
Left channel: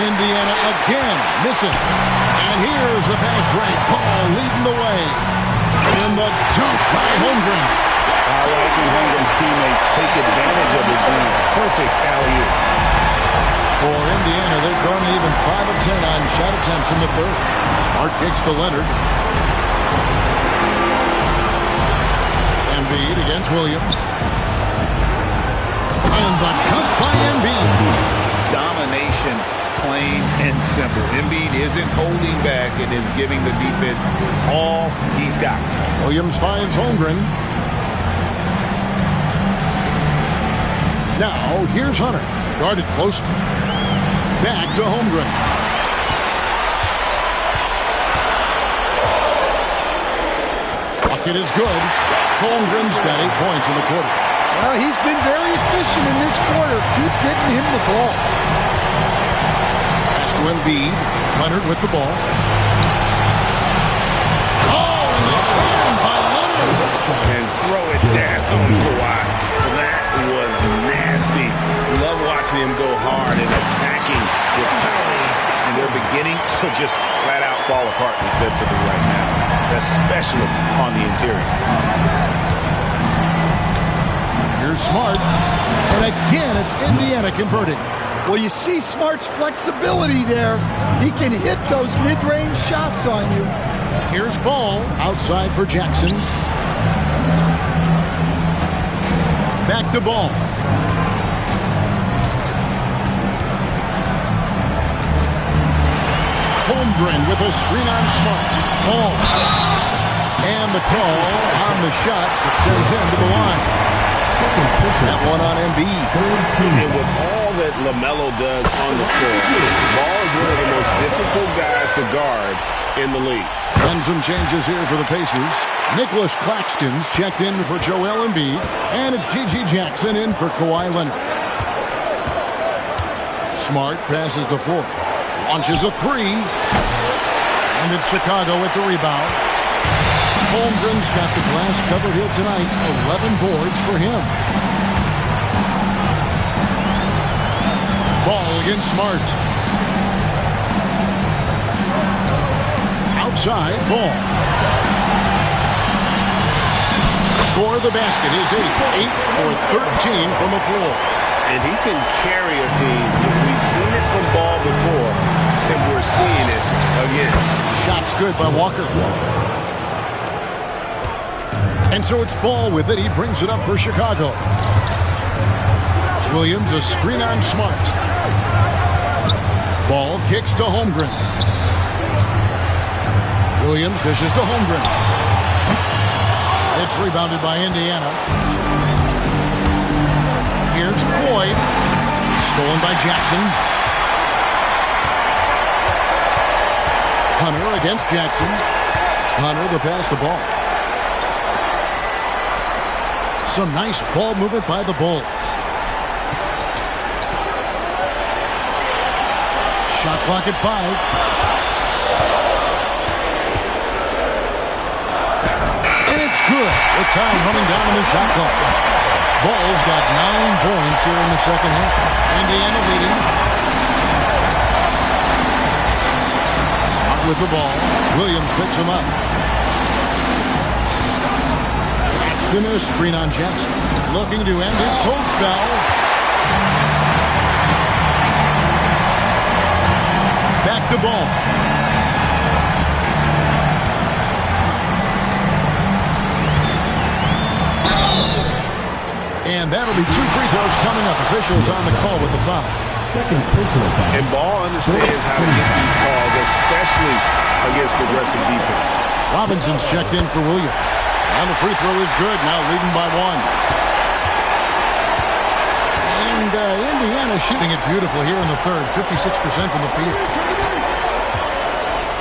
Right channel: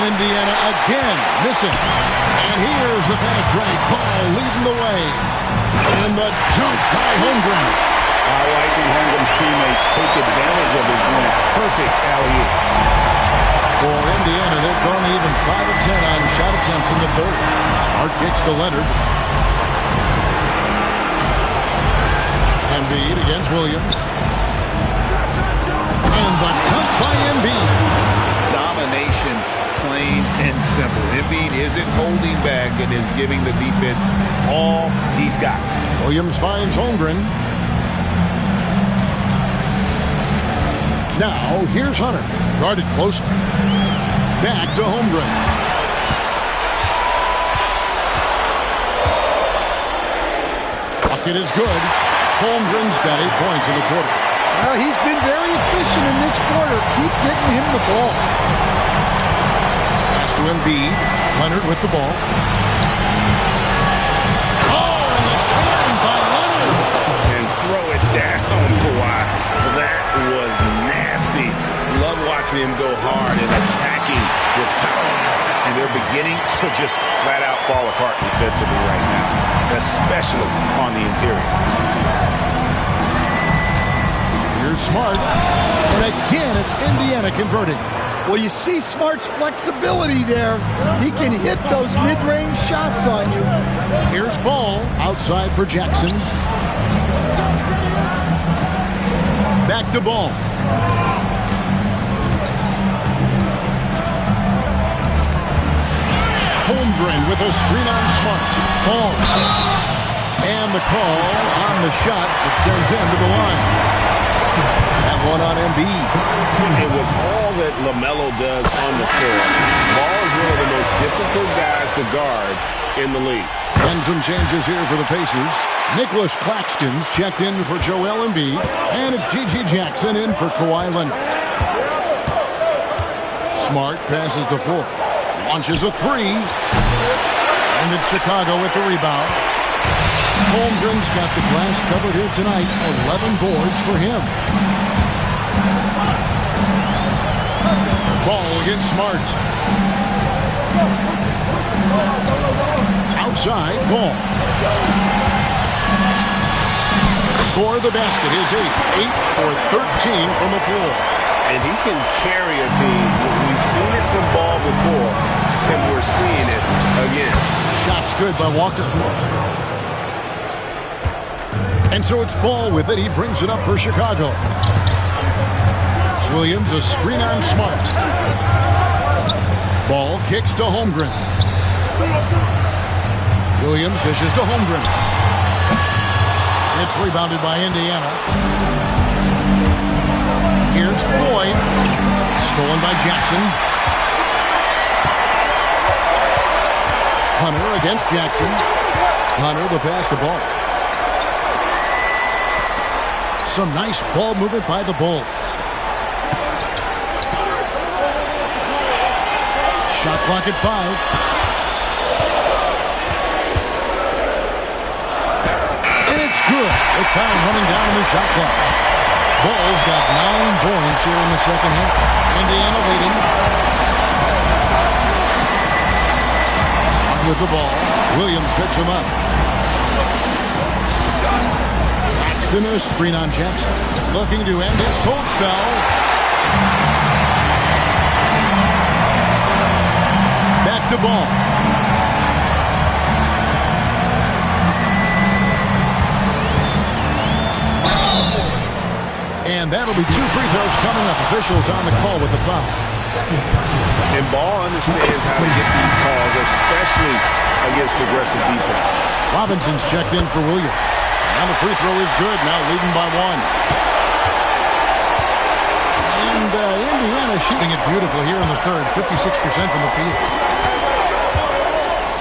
Indiana again missing. And here's the fast break. Ball leading the way. And the dunk by Holmgren. I like when Holmgren's teammates take advantage of his length. Perfect alley-oop. For Indiana, they've gone even 5 of 10 on shot attempts in the third. Smart kicks to Leonard. Embiid against Williams. And the cut by Embiid. Domination, plain and simple. Embiid isn't holding back and is giving the defense all he's got. Williams finds Holmgren. Now, here's Hunter. Guarded closely. Back to Holmgren. Bucket is good. Holmgren's got 8 points in the quarter. Well, he's been very efficient in this quarter. Keep getting him the ball. Pass to Embiid. Leonard with the ball. Oh, and the jam by Leonard. And throw it down, Kawhi. That was nasty. Love watching him go hard and attacking with power. And they're beginning to just flat out fall apart defensively right now, especially on the interior. Here's Smart. And again, it's Indiana converting. Well, you see Smart's flexibility there. He can hit those mid-range shots on you. Here's Ball outside for Jackson. Back to Ball. Holmgren with a screen on Smart. Ball. And the call on the shot that sends him to the line. That one on Embiid. And with all that LaMelo does on the floor, Ball is one of the most difficult guys to guard in the league. And some changes here for the Pacers. Nicholas Claxton's checked in for Joel Embiid. And it's G.G. Jackson in for Kawhi Leonard. Smart passes the floor. Launches a three. And it's Chicago with the rebound. Holmgren's got the glass covered here tonight. 11 boards for him. Ball against Smart. Outside, Ball. Score the basket, his 8th. 8 for 13 from the floor. And he can carry a team. We've seen it from Ball before, and we're seeing it again. Shot's good by Walker. And so it's Ball with it. He brings it up for Chicago. Williams, a screen on Smart. Ball kicks to Holmgren. Williams dishes to Holmgren. It's rebounded by Indiana. Here's Floyd. Stolen by Jackson. Hunter against Jackson. Hunter the pass to Ball. Some nice ball movement by the Bulls. Shot clock at 5. And it's good with time running down on the shot clock. Bulls got 9 points here in the second half. Indiana leading. Smart with the ball. Williams picks him up. A screen on Jackson. Looking to end his cold spell. Back to Ball. And that'll be 2 free throws coming up. Officials on the call with the foul. And Ball understands how to get these calls, especially against aggressive defense. Robinson's checked in for Williams. And the free throw is good, now leading by 1. And Indiana shooting it beautiful here in the third, 56% from the field.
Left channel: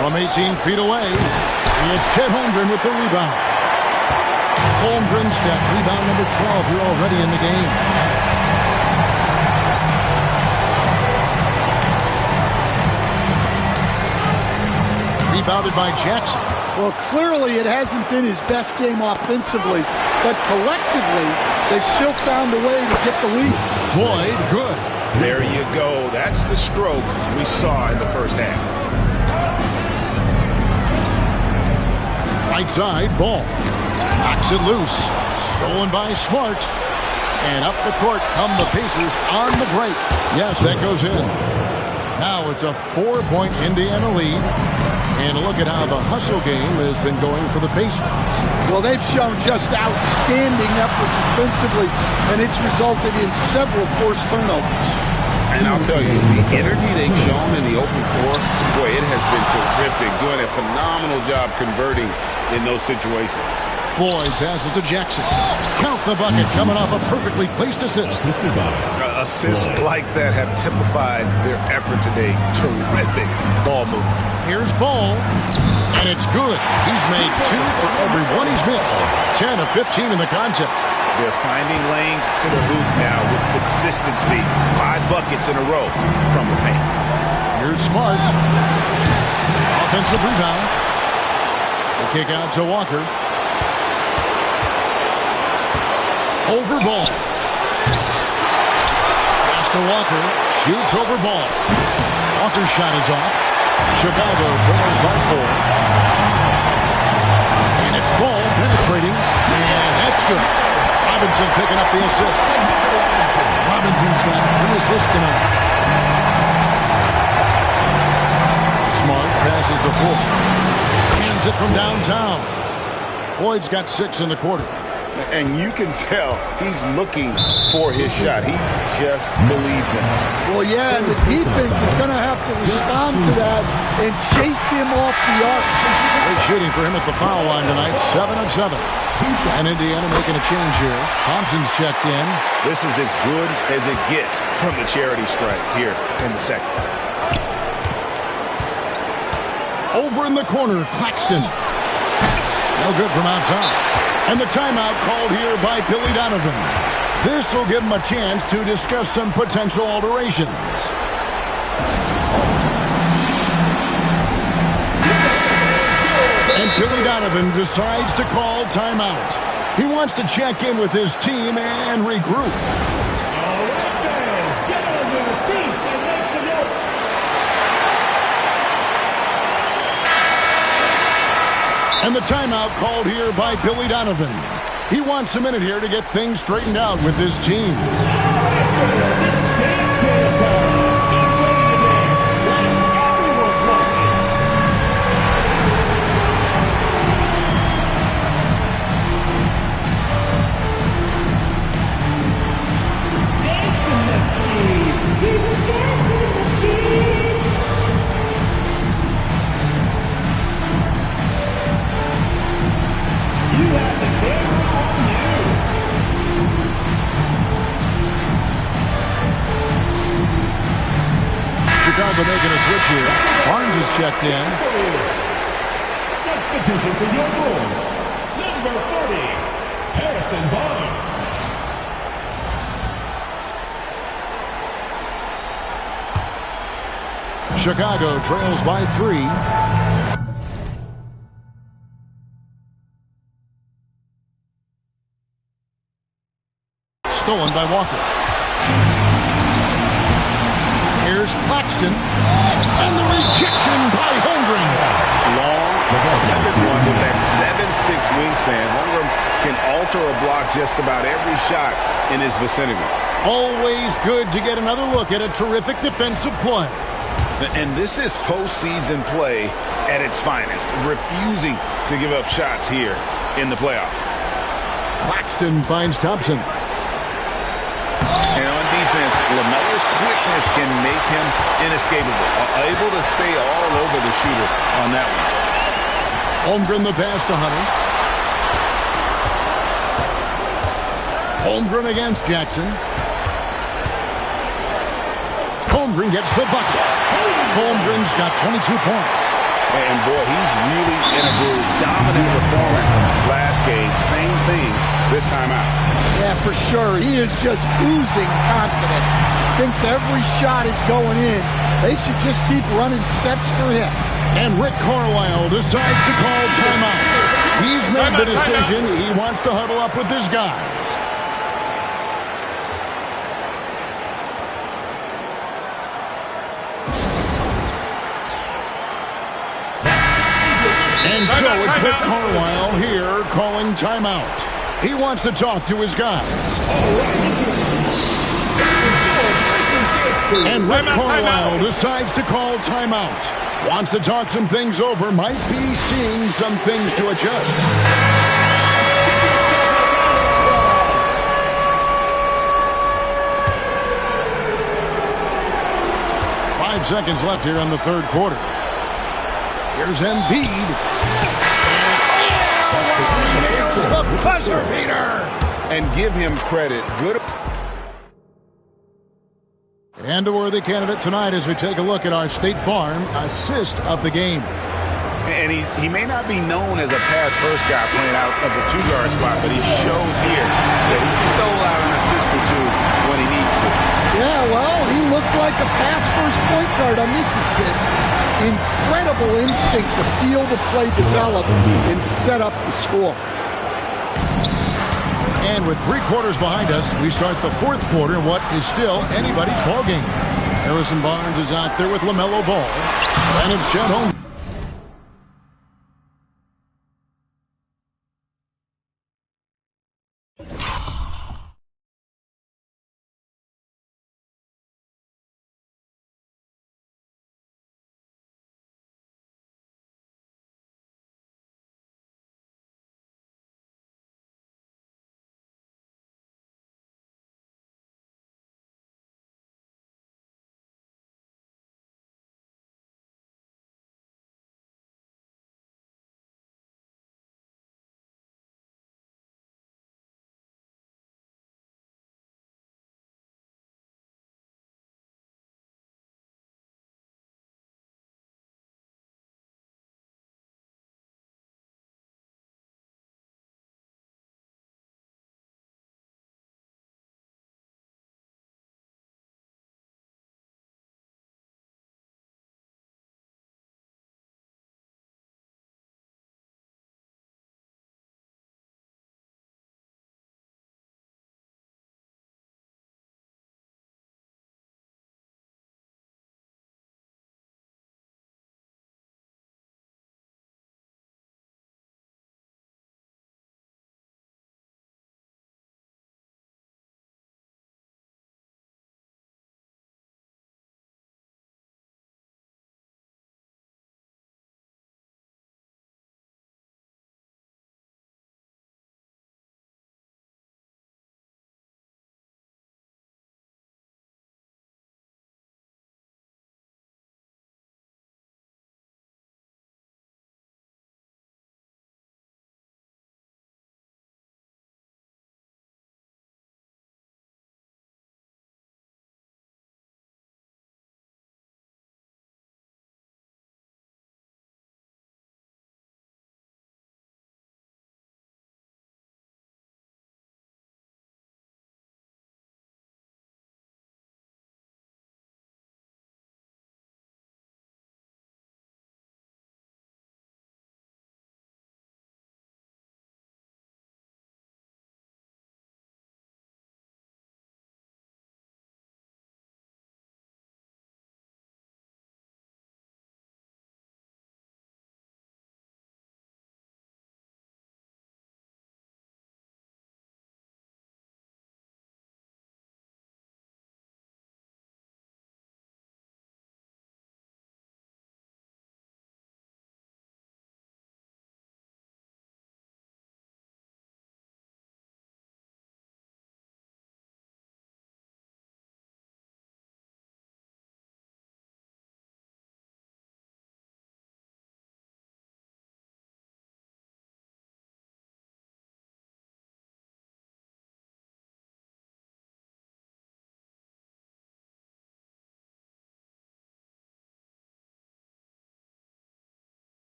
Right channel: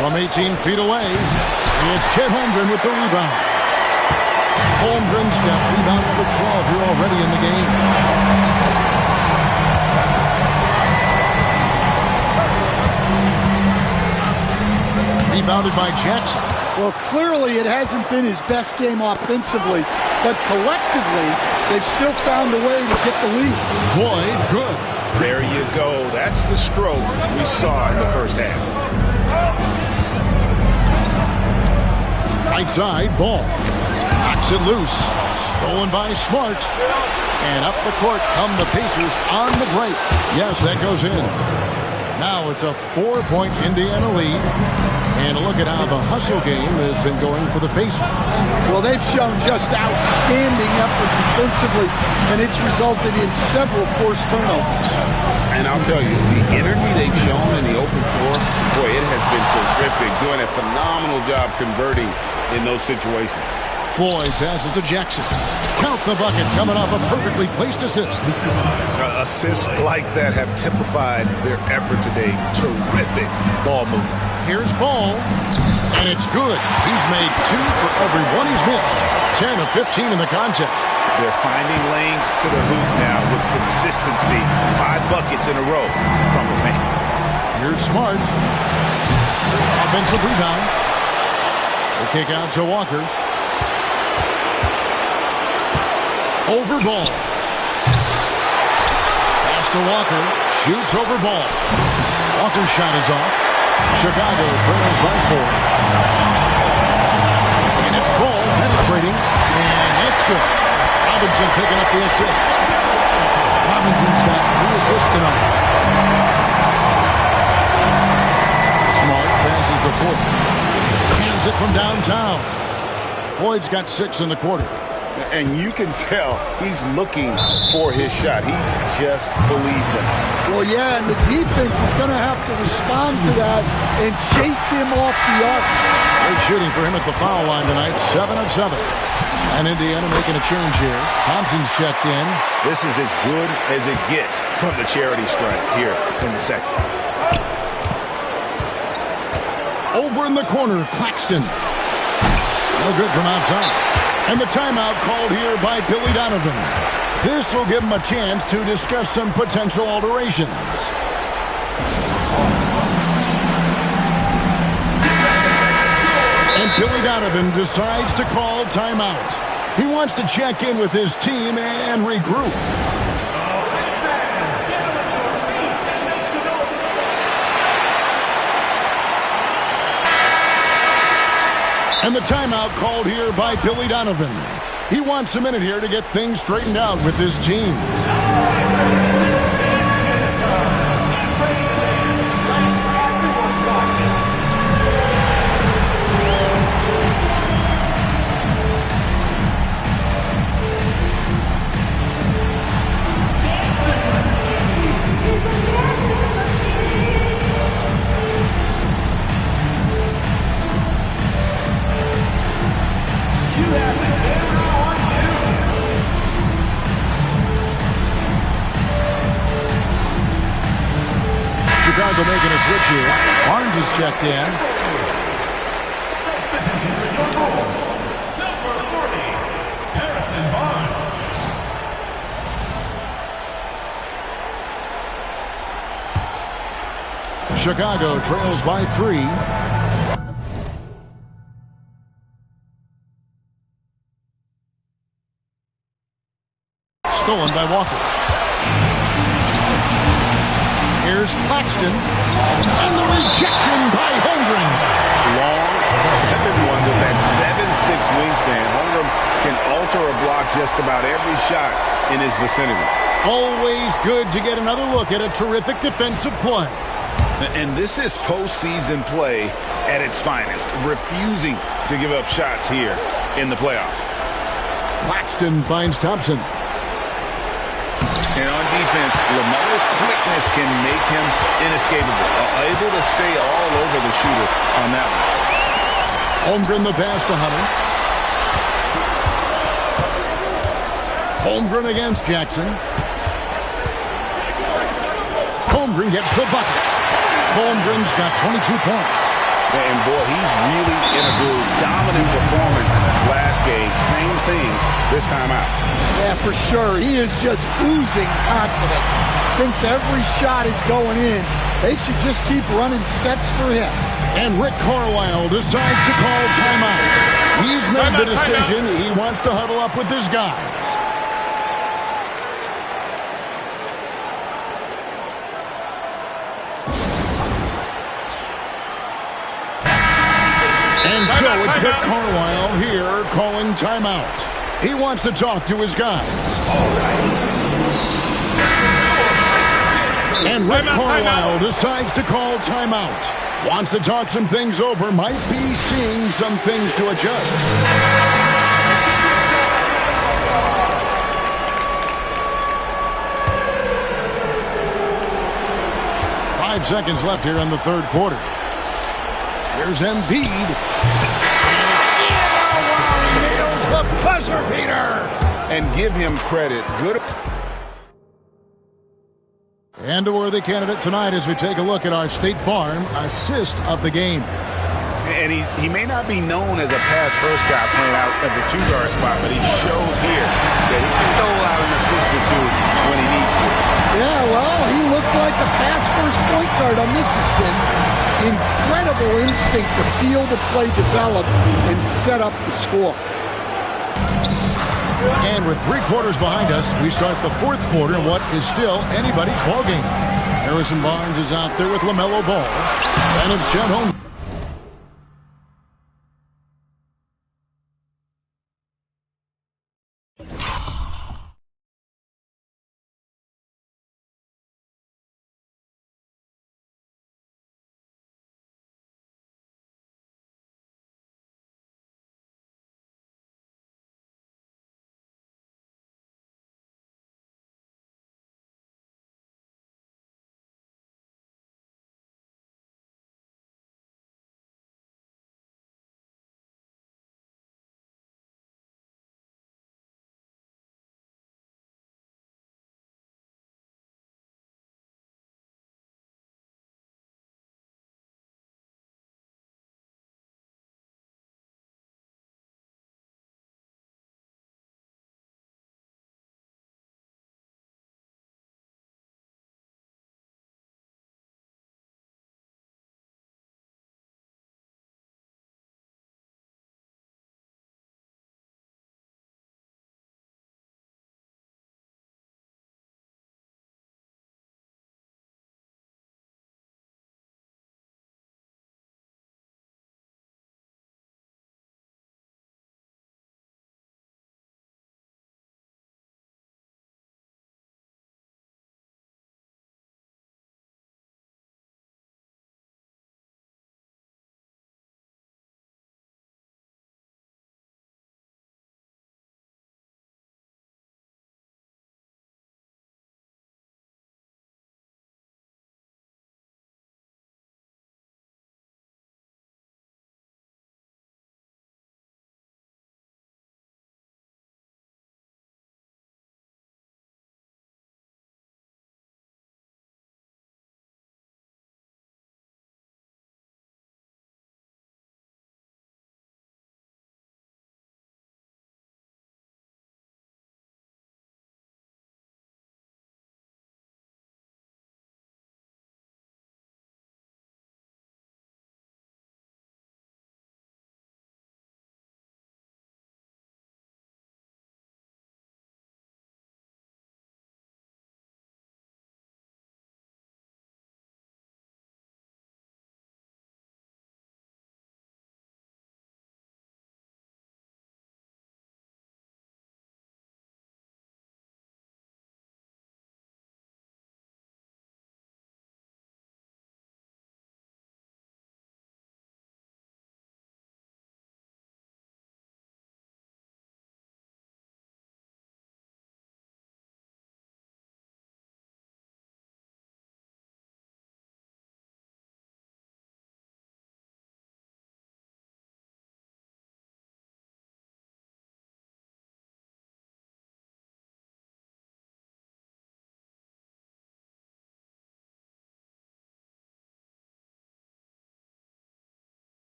From 18 feet away, it's Chet Holmgren with the rebound. Holmgren's got rebound number 12 here already in the game. Rebounded by Jackson. Well, clearly it hasn't been his best game offensively, but collectively, they've still found a way to get the lead. Floyd, good. There you go. That's the stroke we saw in the first half. Right side, Ball. Knocks it loose. Stolen by Smart. And up the court come the Pacers on the break. Yes, that goes in. Now it's a 4-point Indiana lead. And look at how the hustle game has been going for the Pacers. Well, they've shown just outstanding effort defensively, and it's resulted in several forced turnovers. And I'll tell you, the energy they've shown in the open floor, boy, it has been terrific. Doing a phenomenal job converting in those situations. Floyd passes to Jackson. Count the bucket coming off a perfectly placed assist. Assists like that have typified their effort today. Terrific ball movement. Here's Ball, and it's good. He's made 2 for every 1 he's missed. 10 of 15 in the contest. They're finding lanes to the hoop now with consistency. 5 buckets in a row from the paint. Here's Smart. Offensive rebound. The kick out to Walker. Over Ball. Pass to Walker. Shoots over Ball. Walker's shot is off. Chicago trails by 4. And it's Ball penetrating. And that's good. Robinson picking up the assist. Robinson's got 3 assists tonight. Smart passes to Floyd. Hands it from downtown. Floyd's got 6 in the quarter. And you can tell he's looking for his shot. He just believes in it. Well, yeah, and the defense is going to have to respond to that and chase him off the arc. Great shooting for him at the foul line tonight, 7 of 7. And Indiana making a change here. Thompson's checked in. This is as good as it gets from the charity stripe here in the second. Over in the corner, Claxton. No good from outside. And the timeout called here by Billy Donovan. This will give him a chance to discuss some potential alterations. And Billy Donovan decides to call timeout. He wants to check in with his team and regroup. And the timeout called here by Billy Donovan. He wants a minute here to get things straightened out with his team. Chicago making a switch here. Barnes is checked in. Substitution for your Bulls. Number 40, Harrison Barnes. Chicago trails by 3. Stolen by Walker. Here's Claxton. And the rejection by Holmgren. Long 7-1 with that 7'6" wingspan. Holmgren can alter a block just about every shot in his vicinity. Always good to get another look at a terrific defensive play. And this is postseason play at its finest, refusing to give up shots here in the playoffs. Claxton finds Thompson. And on defense, LaMelo's quickness can make him inescapable, able to stay all over the shooter on that one. Holmgren the pass to Hunter. Holmgren against Jackson. Holmgren gets the bucket. Holmgren's got 22 points. And boy, he's really in a groove. Dominant performance last game. Same thing this time out. Yeah, for sure. He is just oozing confidence. Thinks every shot is going in. They should just keep running sets for him. And Rick Carlisle decides to call timeout. He's made the decision. He wants to huddle up with his guys. And so it's Rick Carlisle here calling timeout. He wants to talk to his guys. And Rick Carlisle decides to call timeout. Wants to talk some things over. Might be seeing some things to adjust. 5 seconds left here in the third quarter. Here's Embiid. And it's he nails the buzzer beater. And give him credit. Good. And a worthy candidate tonight as we take a look at our State Farm assist of the game. And he may not be known as a pass-first guy playing out of the two-guard spot, but he shows here that he can dole out an assist or two when he needs to. Yeah, well, he looked like a pass-first point guard on this assist. Incredible instinct to feel the play develop and set up the score. And with 3 quarters behind us, we start the fourth quarter in what is still anybody's ballgame. Harrison Barnes is out there with LaMelo Ball. And it's Chet Holmgren.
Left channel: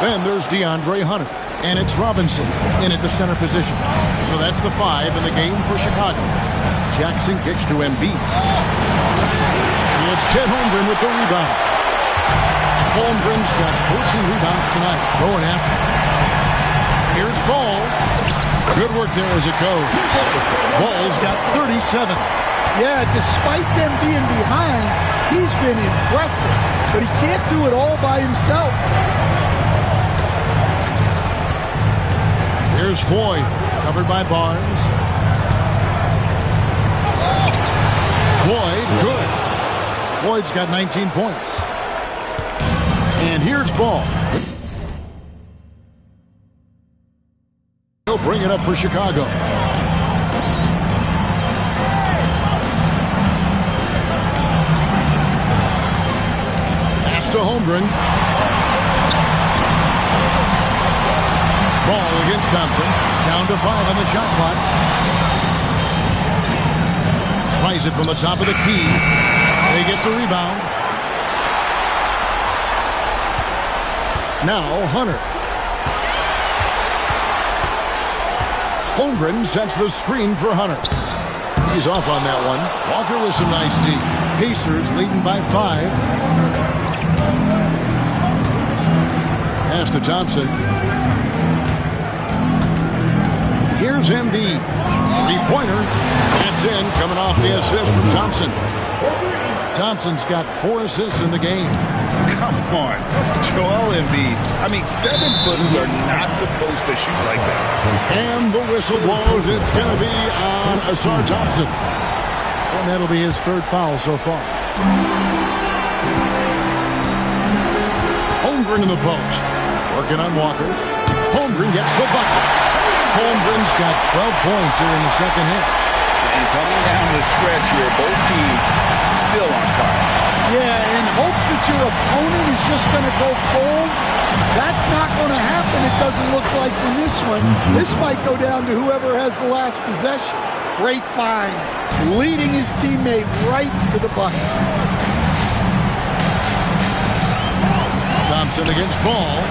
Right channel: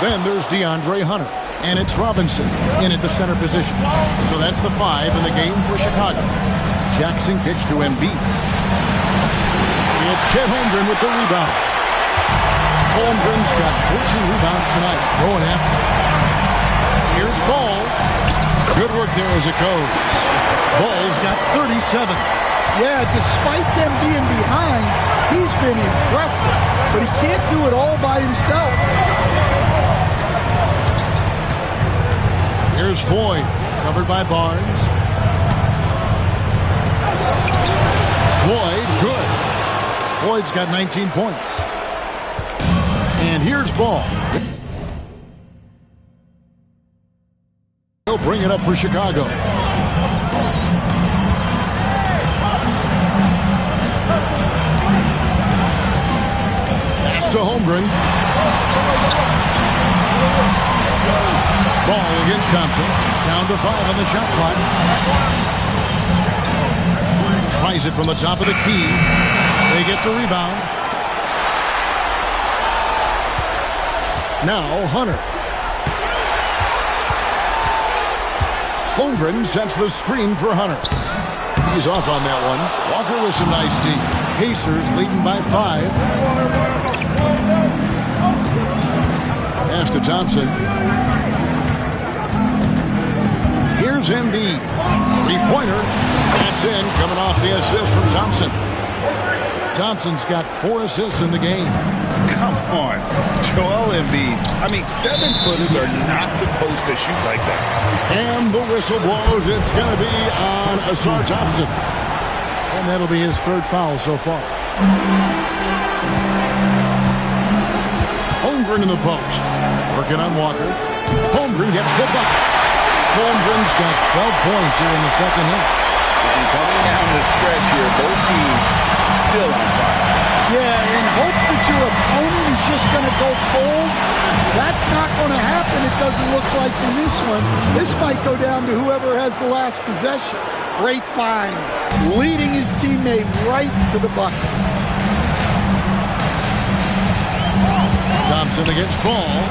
Then there's DeAndre Hunter. And it's Robinson in at the center position. So that's the 5 in the game for Chicago. Jackson kicks to Embiid. It's Chet Holmgren with the rebound. Holmgren's got 14 rebounds tonight. Going after it. Here's Ball. Good work there as it goes. Ball's got 37. Yeah, despite them being behind, he's been impressive. But he can't do it all by himself. Here's Floyd, covered by Barnes. Floyd, good. Floyd's got 19 points. And here's Ball. He'll bring it up for Chicago. Pass to Holmgren. Ball against Thompson. Down to 5 on the shot clock. Tries it from the top of the key. They get the rebound. Now Hunter. Holmgren sets the screen for Hunter. He's off on that one. Walker with some nice D. Pacers leading by 5. Pass to Thompson. Here's Embiid. Three-pointer. That's in, coming off the assist from Thompson. Thompson's got 4 assists in the game. Come on, Joel Embiid. I mean, 7-footers are not supposed to shoot like that. And the whistle blows. It's going to be on Asar Thompson. And that'll be his 3rd foul so far. Holmgren in the post. Working on Walker. Holmgren gets the bucket. Holmgren's got 12 points here in the second half. And coming down the stretch here, both teams still on fire. Yeah, in hopes that your opponent is just going to go cold. That's not going to happen, it doesn't look like in this one. This might go down to whoever has the last possession. Great find. Leading his teammate right to the bucket. Thompson against Ball.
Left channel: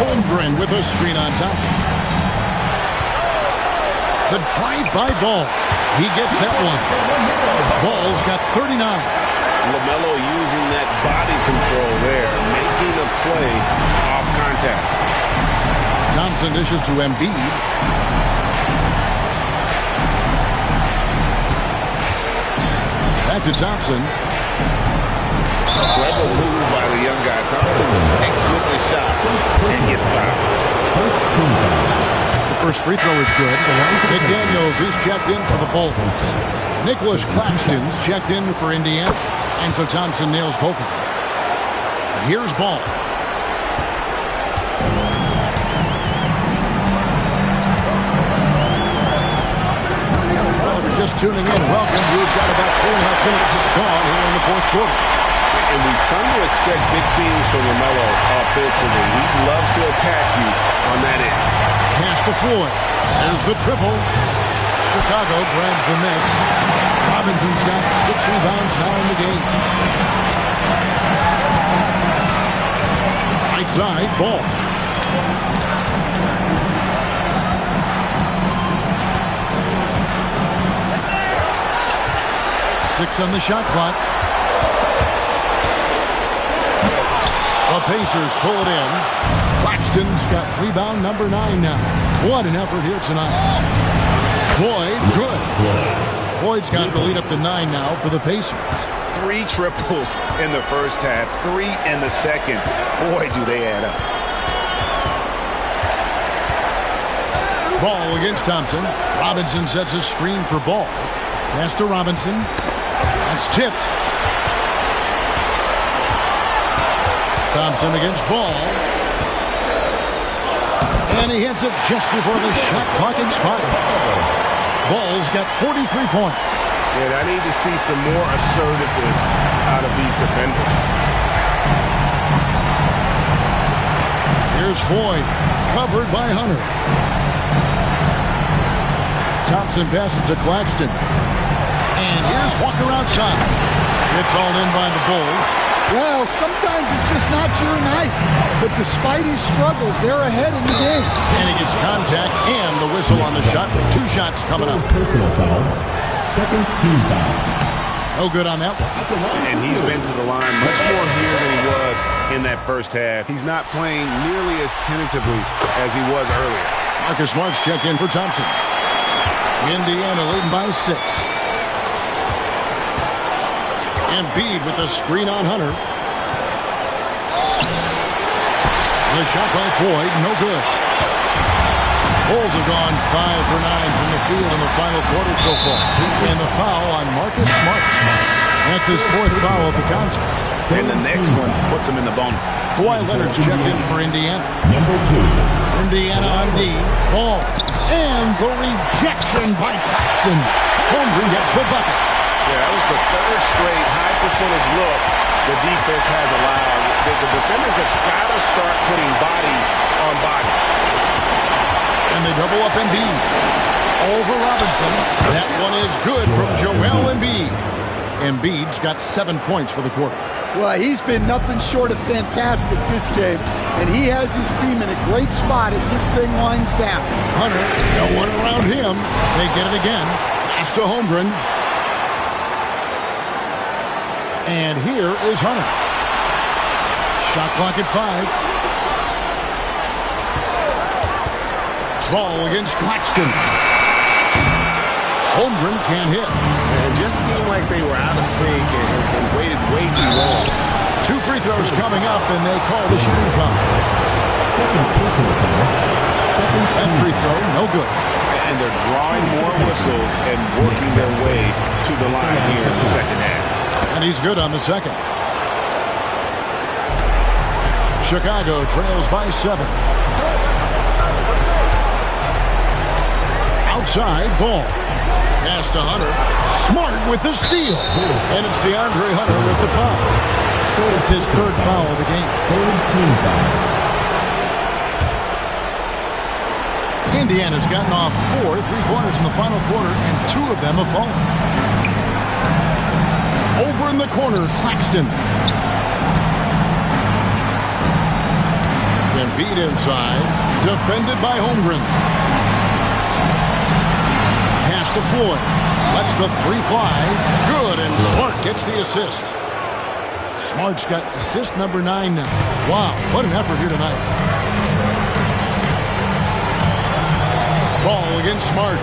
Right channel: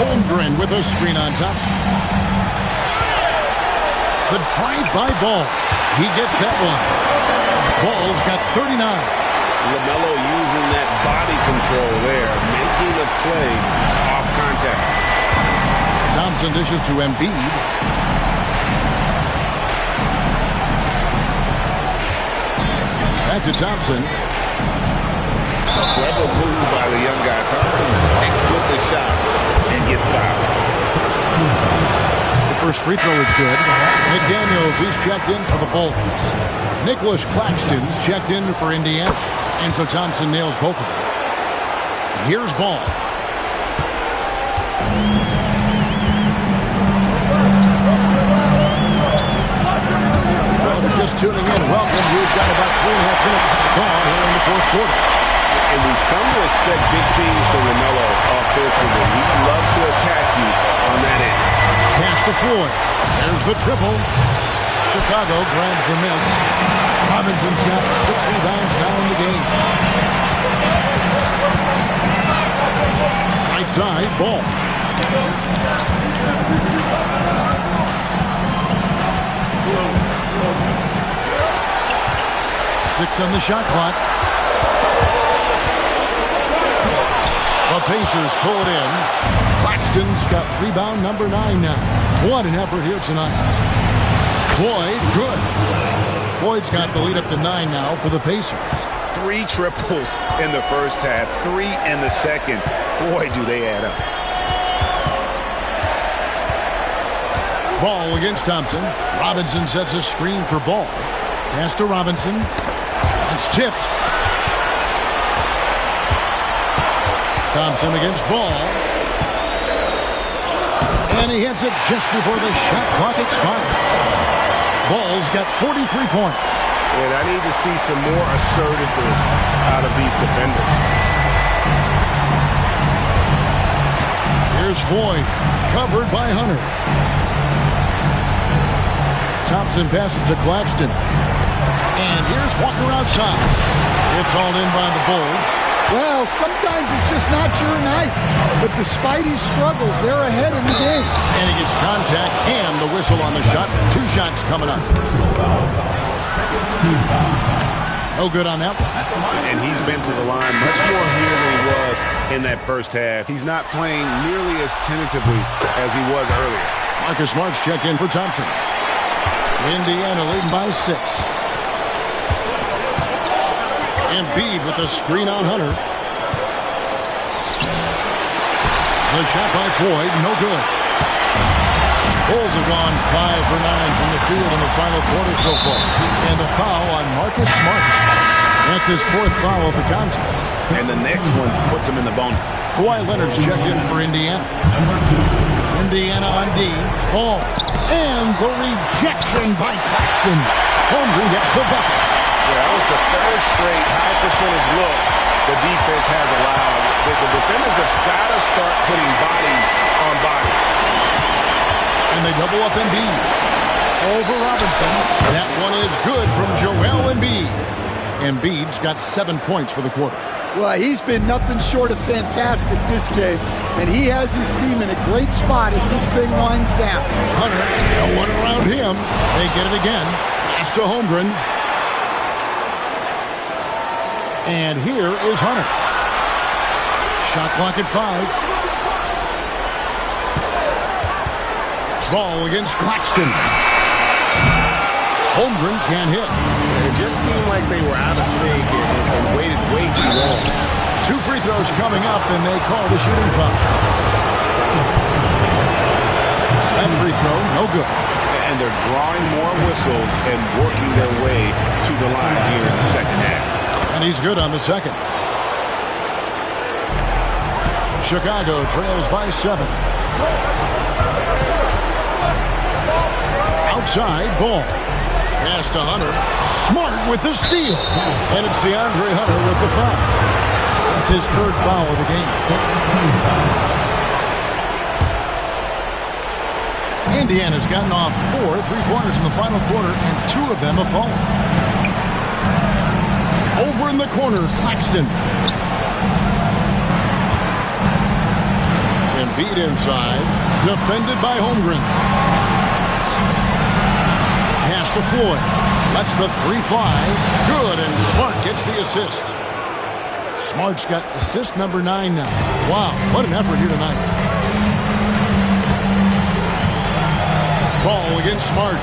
Holmgren with a screen on Thompson. The drive by Ball. He gets that one. Ball's got 39. LaMelo using that body control there, making a play off contact. Thompson dishes to Embiid. Back to Thompson. A clever move by the young guy. Thompson sticks with the shot and gets fouled. The first free throw is good. McDaniels, he's checked in for the Bulls. Nicholas Claxton's checked in for Indiana. And so Thompson nails both of them. Here's Ball. Well, if you're just tuning in, welcome. We've got about 3.5 minutes gone here in the 4th quarter. And we've come to expect big things from LaMelo offensively. He loves to attack you on that end. Pass to Floyd. There's the triple. Chicago grabs the miss. Robinson's got 6 rebounds now in the game. Right side, Ball. Six on the shot clock. The Pacers pull it in. Claxton's got rebound number 9 now. What an effort here tonight. Floyd, good. Floyd's got the lead up to 9 now for the Pacers. 3 triples in the first half, 3 in the second. Boy, do they add up. Ball against Thompson. Robinson sets a screen for Ball. Pass to Robinson. That's tipped. Thompson against Ball. And he hits it just before the shot clock expires. Ball's got 43 points. And I need to see some more assertiveness out of these defenders. Here's Floyd, covered by Hunter. Thompson passes to Claxton. And here's Walker outside. It's all in by the Bulls. Well, sometimes it's just not your night. But despite his struggles, they're ahead in the game. And he gets contact and the whistle on the shot. 2 shots coming up. Personal foul. Second team foul. No good on that one. And he's been to the line much more here than he was in that first half. He's not playing nearly as tentatively as he was earlier. Marcus Smart's checked in for Thompson. Indiana leading by 6. Embiid with the screen on Hunter. The shot by Floyd, no good. Bulls have gone 5 for 9 from the field in the final quarter so far. And the foul on Marcus Smart. That's his 4th foul of the contest. And the next one puts him in the bonus. Kawhi Leonard's checked in for Indiana. Number 2. Indiana on D. Ball. And the rejection by Claxton. Holmgren gets the bucket. Yeah, that was the 3rd straight high percentage look the defense has allowed. The defenders have got to start putting bodies on bodies. And they double up Embiid. Over Robinson. That one is good from Joel Embiid. Embiid's got 7 points for the quarter. Well, he's been nothing short of fantastic this game. And he has his team in a great spot as this thing winds down. Hunter, no one around him. They get it again. Pass to Holmgren. And here is Hunter. Shot clock at 5. Ball against Claxton. Holmgren can't hit. It just seemed like they were out of sync and waited way too long. 2 free throws coming up, and they call the shooting foul. That free throw, no good. And they're drawing more whistles and working their way to the line here in the second half. And he's good on the second. Chicago trails by 7. Outside, Ball. Pass to Hunter. Smart with the steal. And it's DeAndre Hunter with the foul. It's his 3rd foul of the game. Indiana's gotten off 4 3-pointers in the final quarter, and 2 of them have fallen. Over in the corner, Claxton. Embiid inside. Defended by Holmgren. Pass to Floyd. Lets the 3 fly. Good, and Smart gets the assist. Smart's got assist number 9 now. Wow, what an effort here tonight. Ball against Smart.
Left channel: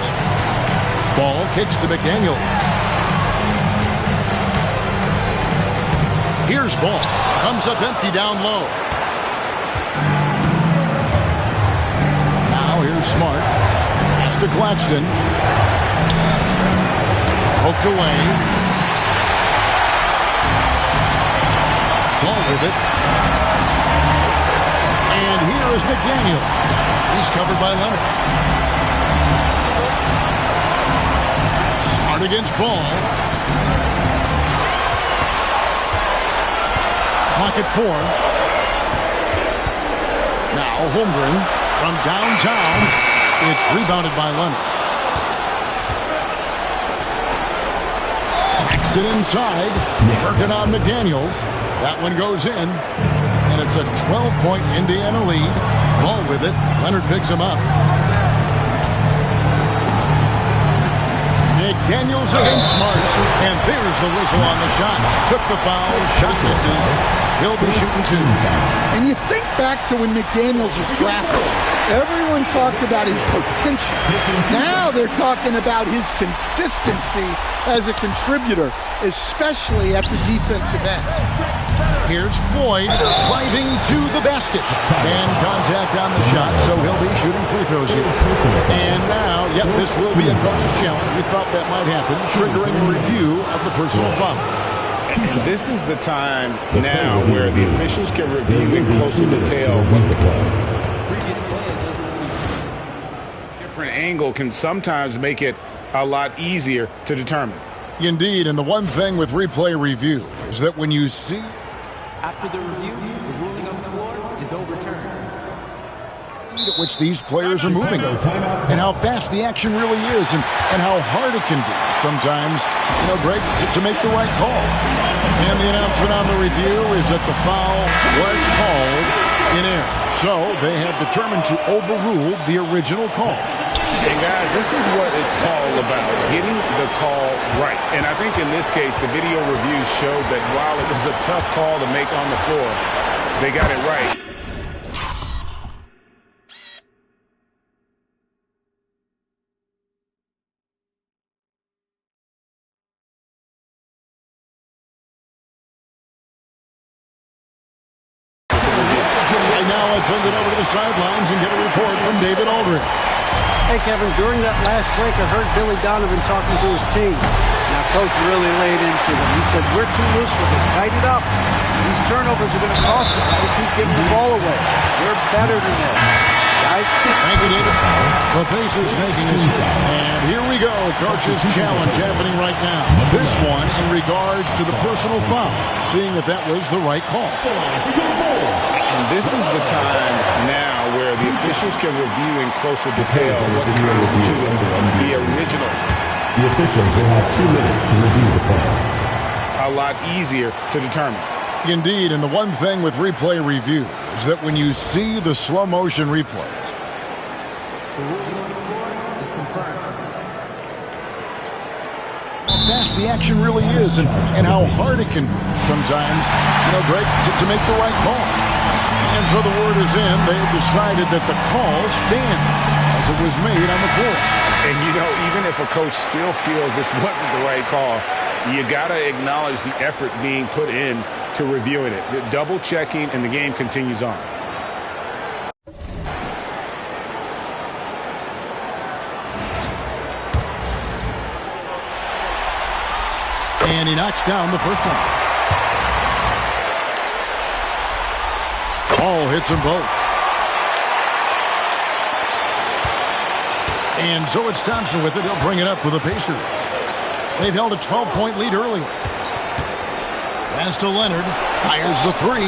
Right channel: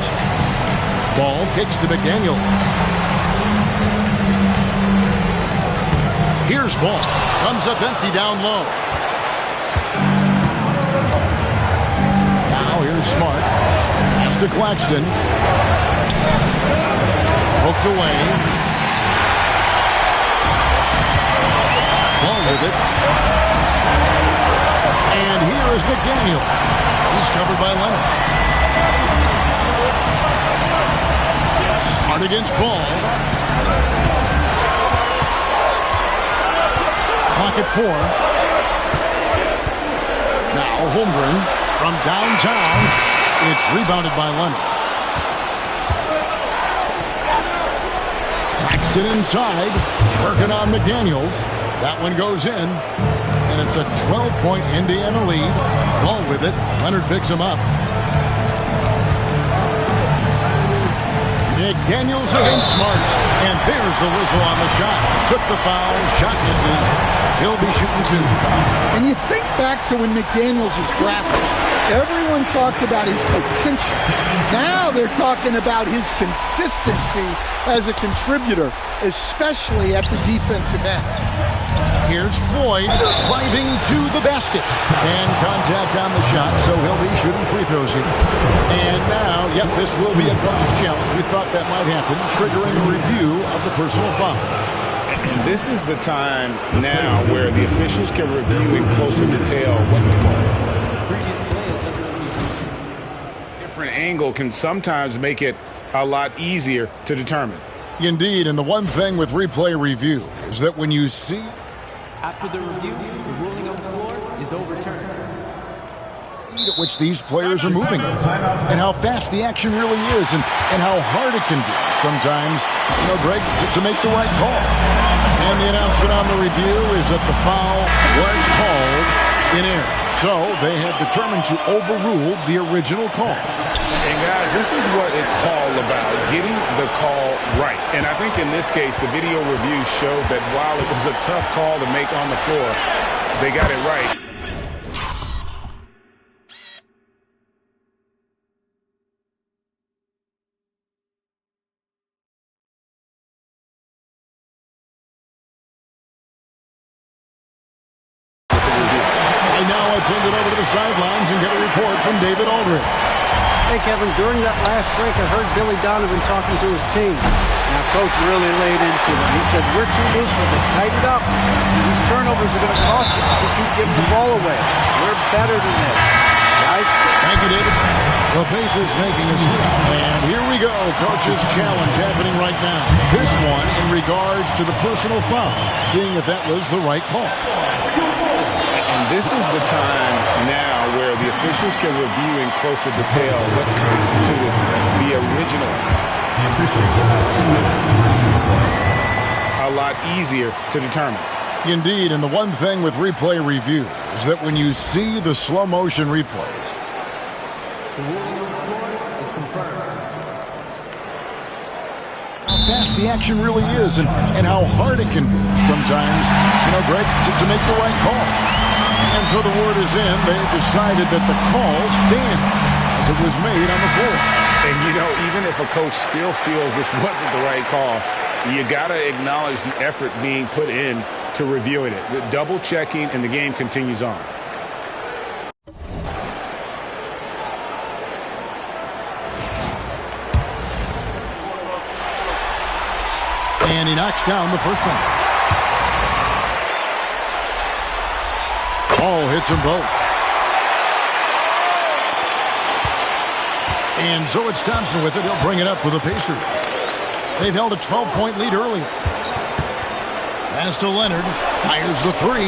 Ball kicks to McDaniel. Here's Ball. Comes up empty down low. Now here's Smart. Pass to Claxton. Poked away. Ball with it. And here is McDaniel. He's covered by Leonard. Smart against Ball. Clock at 4. Now Holmgren from downtown. It's rebounded by Leonard. Claxton inside. Working on McDaniels. That one goes in. And it's a 12-point Indiana lead. Ball with it. Leonard picks him up. McDaniels against Smart. And there's the whistle on the shot. Took the foul. Shot misses. He'll be shooting 2. And you think back to when McDaniels was drafted. Everyone talked about his potential. Now they're talking about his consistency as a contributor, especially at the defensive end. Here's Floyd driving to the basket. And contact on the shot, so he'll be shooting free throws here. And now, yep, this will be a coach's challenge. We thought that might happen, triggering a review of the personal foul. And this is the time now where the officials can review in closer detail what Previous play is under review. different angle can sometimes make it a lot easier to determine. Indeed, and the one thing with replay review is that when you see... After the review, the ruling on the floor is overturned. at which these players are moving and how fast the action really is and how hard it can be sometimes, Greg, to make the right call. And the announcement on the review is that the foul was called in error. So they have determined to overrule the original call. And guys, this is what it's all about, getting the call right. And I think in this case, the video review showed that while it was a tough call to make on the floor, they got it right. Right now, let's send it over to the sidelines and get a report from David Aldridge. Hey, Kevin, during that last break, I heard Billy Donovan talking to his team. Now, Coach really laid into them. He said, we're too loose with it. Tighten it up. These turnovers are going to cost us if we keep giving the ball away. We're better than this. Guys? Thank you, David. The Pacers making a switch. And here we go. Coach's challenge happening right now. This one in regards to the personal foul, seeing if that was the right call. And this is the time now where the officials can review in closer detail what constituted the original. The officials will have 2 minutes to review the play. A lot easier to determine. Indeed, and the one thing with replay review is that when you see the slow motion replays, the ruling on the floor is confirmed. How fast the action really is and how hard it can be sometimes, Greg, to make the right call. And so the word is in. They've decided that the call stands as it was made on the floor. And, even if a coach still feels this wasn't the right call, you got to acknowledge the effort being put in to reviewing it. Double checking, and the game continues on. And he knocks down the first one. Ball hits them both. And so it's Thompson with it. He'll bring it up for the Pacers. They've held a 12-point lead earlier. Pass to Leonard. Fires the three.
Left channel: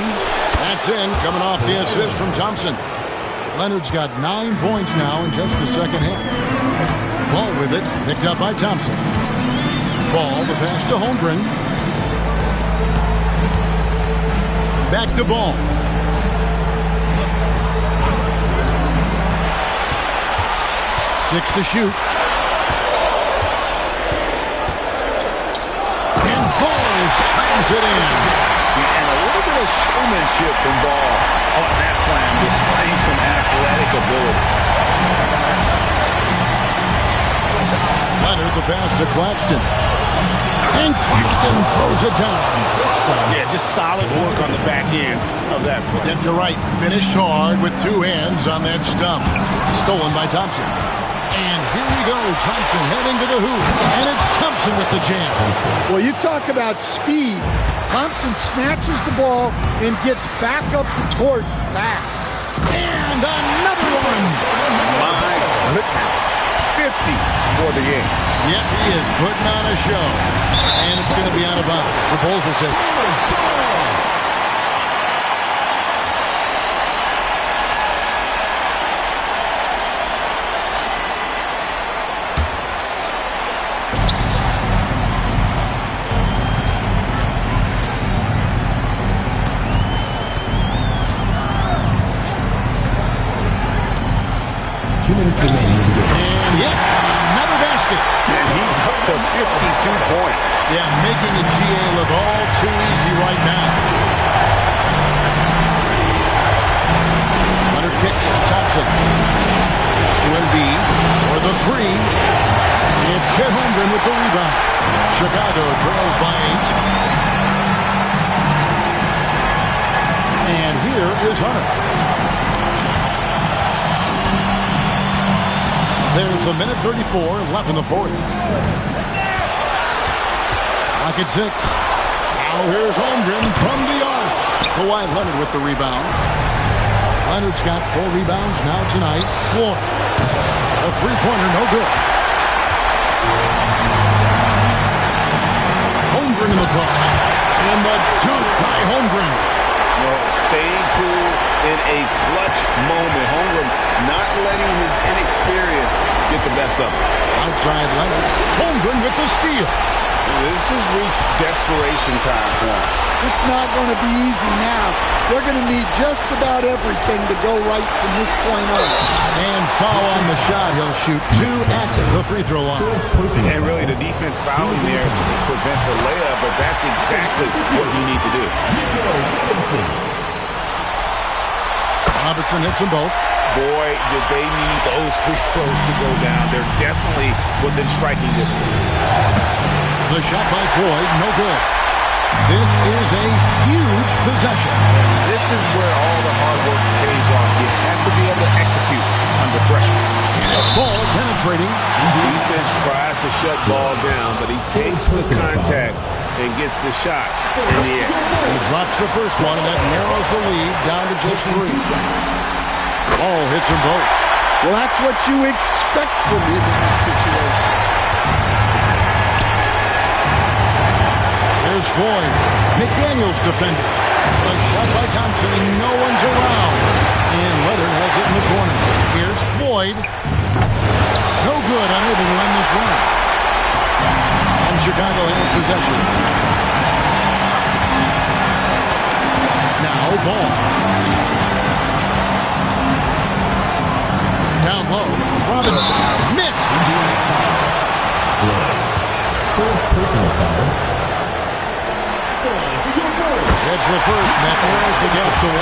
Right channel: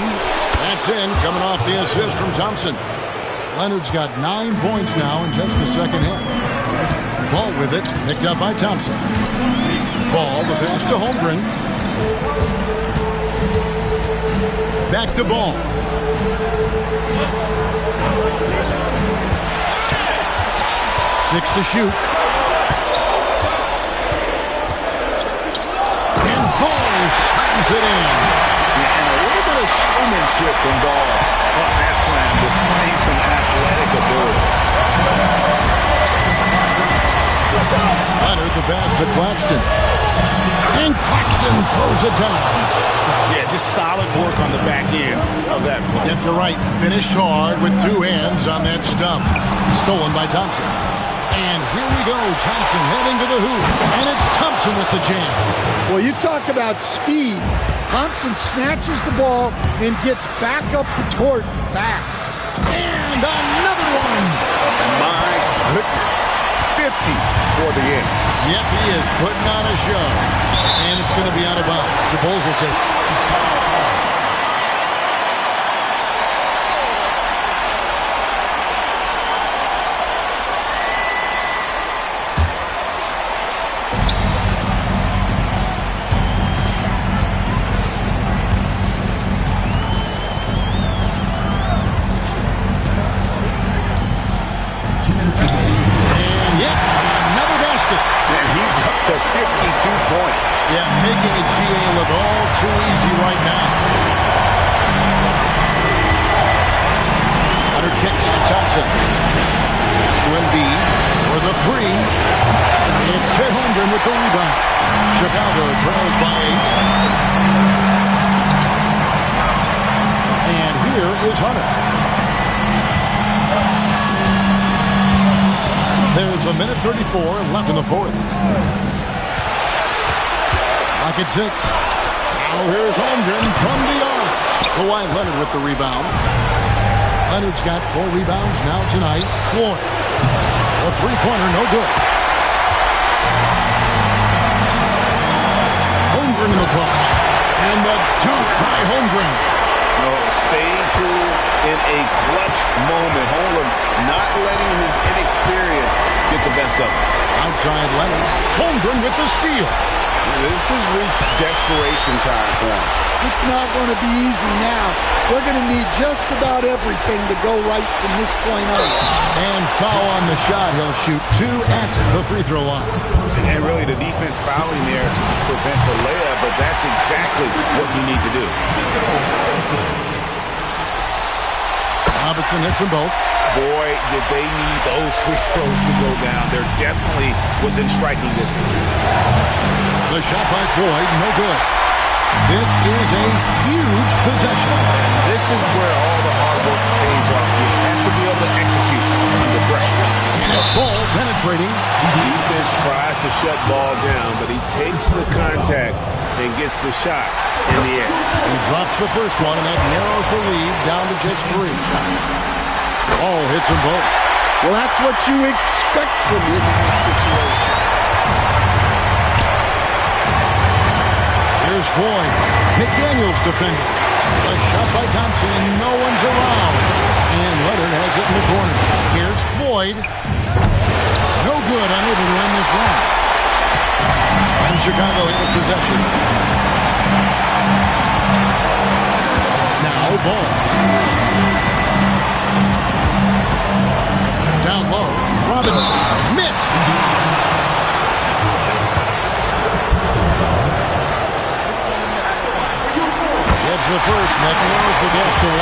That's in, coming off the assist from Thompson. Leonard's got 9 points now in just the second half. Ball with it. Picked up by Thompson. Ball, the pass to Holmgren. Back to Ball. Six to shoot. And Ball slams it in. Yeah, and a little bit of showmanship from Ball on that slam, displaying some athletic ability. Leonard, the pass to Claxton. And Claxton throws it down. Yeah, just solid work on the back end of that play. Yep, you're right. Finished hard with two hands on that stuff. Stolen by Thompson. And here we go. Thompson heading to the hoop. And it's Thompson with the jam. Well, you talk about speed. Thompson snatches the ball and gets back up the court fast. And another one. My goodness. 50 for the game. Yep, he is putting on a show. And it's going to be out of bounds. The Bulls will take it. And yet another basket. And he's up to 52 points. Yeah, making a GA look all too easy right now. Leonard kicks to Thompson. Pass to Embiid for the three. It's Chet Holmgren with the rebound. Chicago trails by 8. And here is Hunter. There's a minute 34 left in the fourth. Lock at 6. Now here's Holmgren from the arc. Kawhi Leonard with the rebound. Leonard's got 4 rebounds now tonight. Floyd. The three-pointer, no good. Holmgren in the push. And the dunk by Holmgren. No, staying cool in a clutch moment. Holmgren not letting his inexperience get the best of him. Outside Leonard. Holmgren with the steal. This has reached desperation time for him. It's not going to be easy now. They're going to need just about everything to go right from this point on. And foul on the shot. He'll shoot 2 at the free throw line. And really the defense fouling there to prevent the layup, but that's exactly what you need to do. Robinson hits them both. Boy, did they need those free throws to go down. They're definitely within striking distance. The shot by Floyd, no good. This is a huge possession. And this is where all the hard work pays off. You have to be able to execute under pressure. And it's Ball penetrating. Defense tries to shut Ball down, but he takes the contact and gets the shot in the air. He drops the first one, and that narrows the lead down to just 3. Ball hits them both. Well, that's what you expect from him in this situation. Here's Floyd. McDaniels defending. A shot by Thompson, and no one's around. And Leonard has it in the corner. Here's Floyd. No good, unable to end this run. And Chicago has possession. Now Ball. Down low. Robinson. Missed. Personal foul. Gets the first, and that narrows the gap to 1.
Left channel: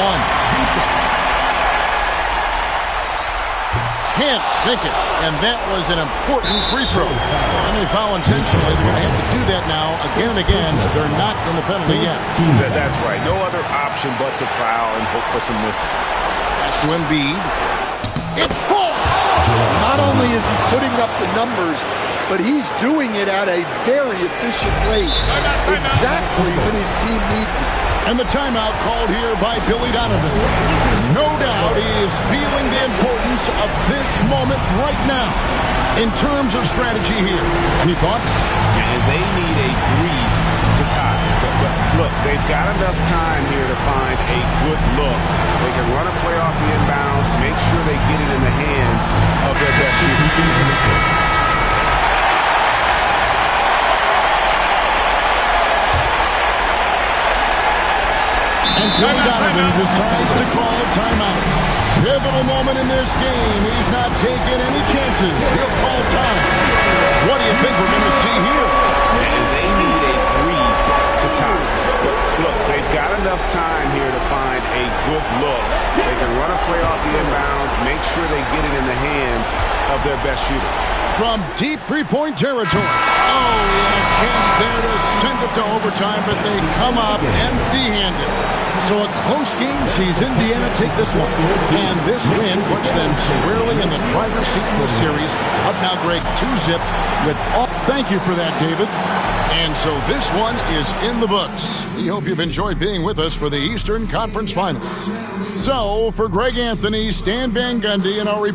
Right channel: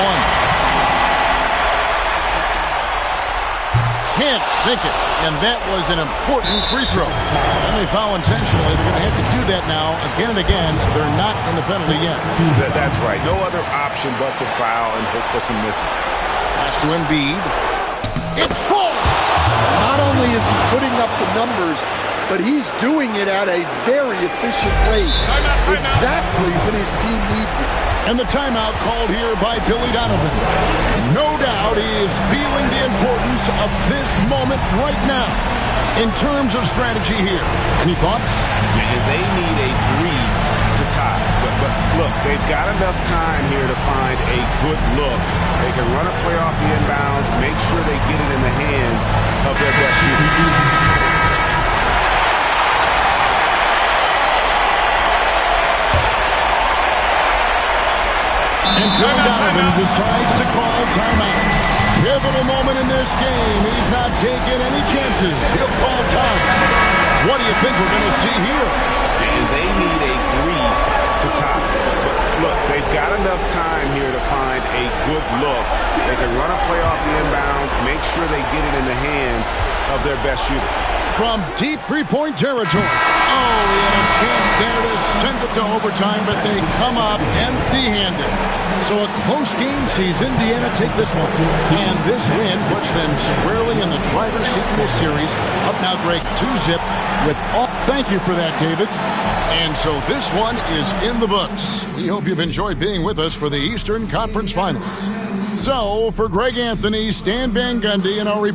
Can't sink it, and that was an important free throw. And they foul intentionally. They're going to have to do that now again and again. They're not in the penalty yet. That's right. No other option but to foul and hope for some misses. Pass to Embiid. It falls! Not only is he putting up the numbers, but he's doing it at a very efficient rate. Timeout. Exactly when his team needs it. And the timeout called here by Billy Donovan. No doubt he is feeling the importance of this moment right now in terms of strategy here. Any thoughts? And they need a 3 to tie. But look, they've got enough time here to find a good look. They can run a play off the inbounds, make sure they get it in the hands of their best shooter. And Billy Donovan decides to call timeout. Pivotal moment in this game. He's not taking any chances. He'll call time. What do you think we're going to see here? And they need a 3 to tie. But look, they've got enough time here to find a good look. They can run a play off the inbounds, make sure they get it in the hands of their best shooter. From deep three-point territory. Oh, he had a chance there to send it to overtime, but they come up empty-handed. So a close game sees Indiana take this one. And this win puts them squarely in the driver's seat in this series. Up now, Greg, 2-zip with all. Thank you for that, David. And so this one is in the books. We hope you've enjoyed being with us for the Eastern Conference Finals. So for Greg Anthony, Stan Van Gundy, and our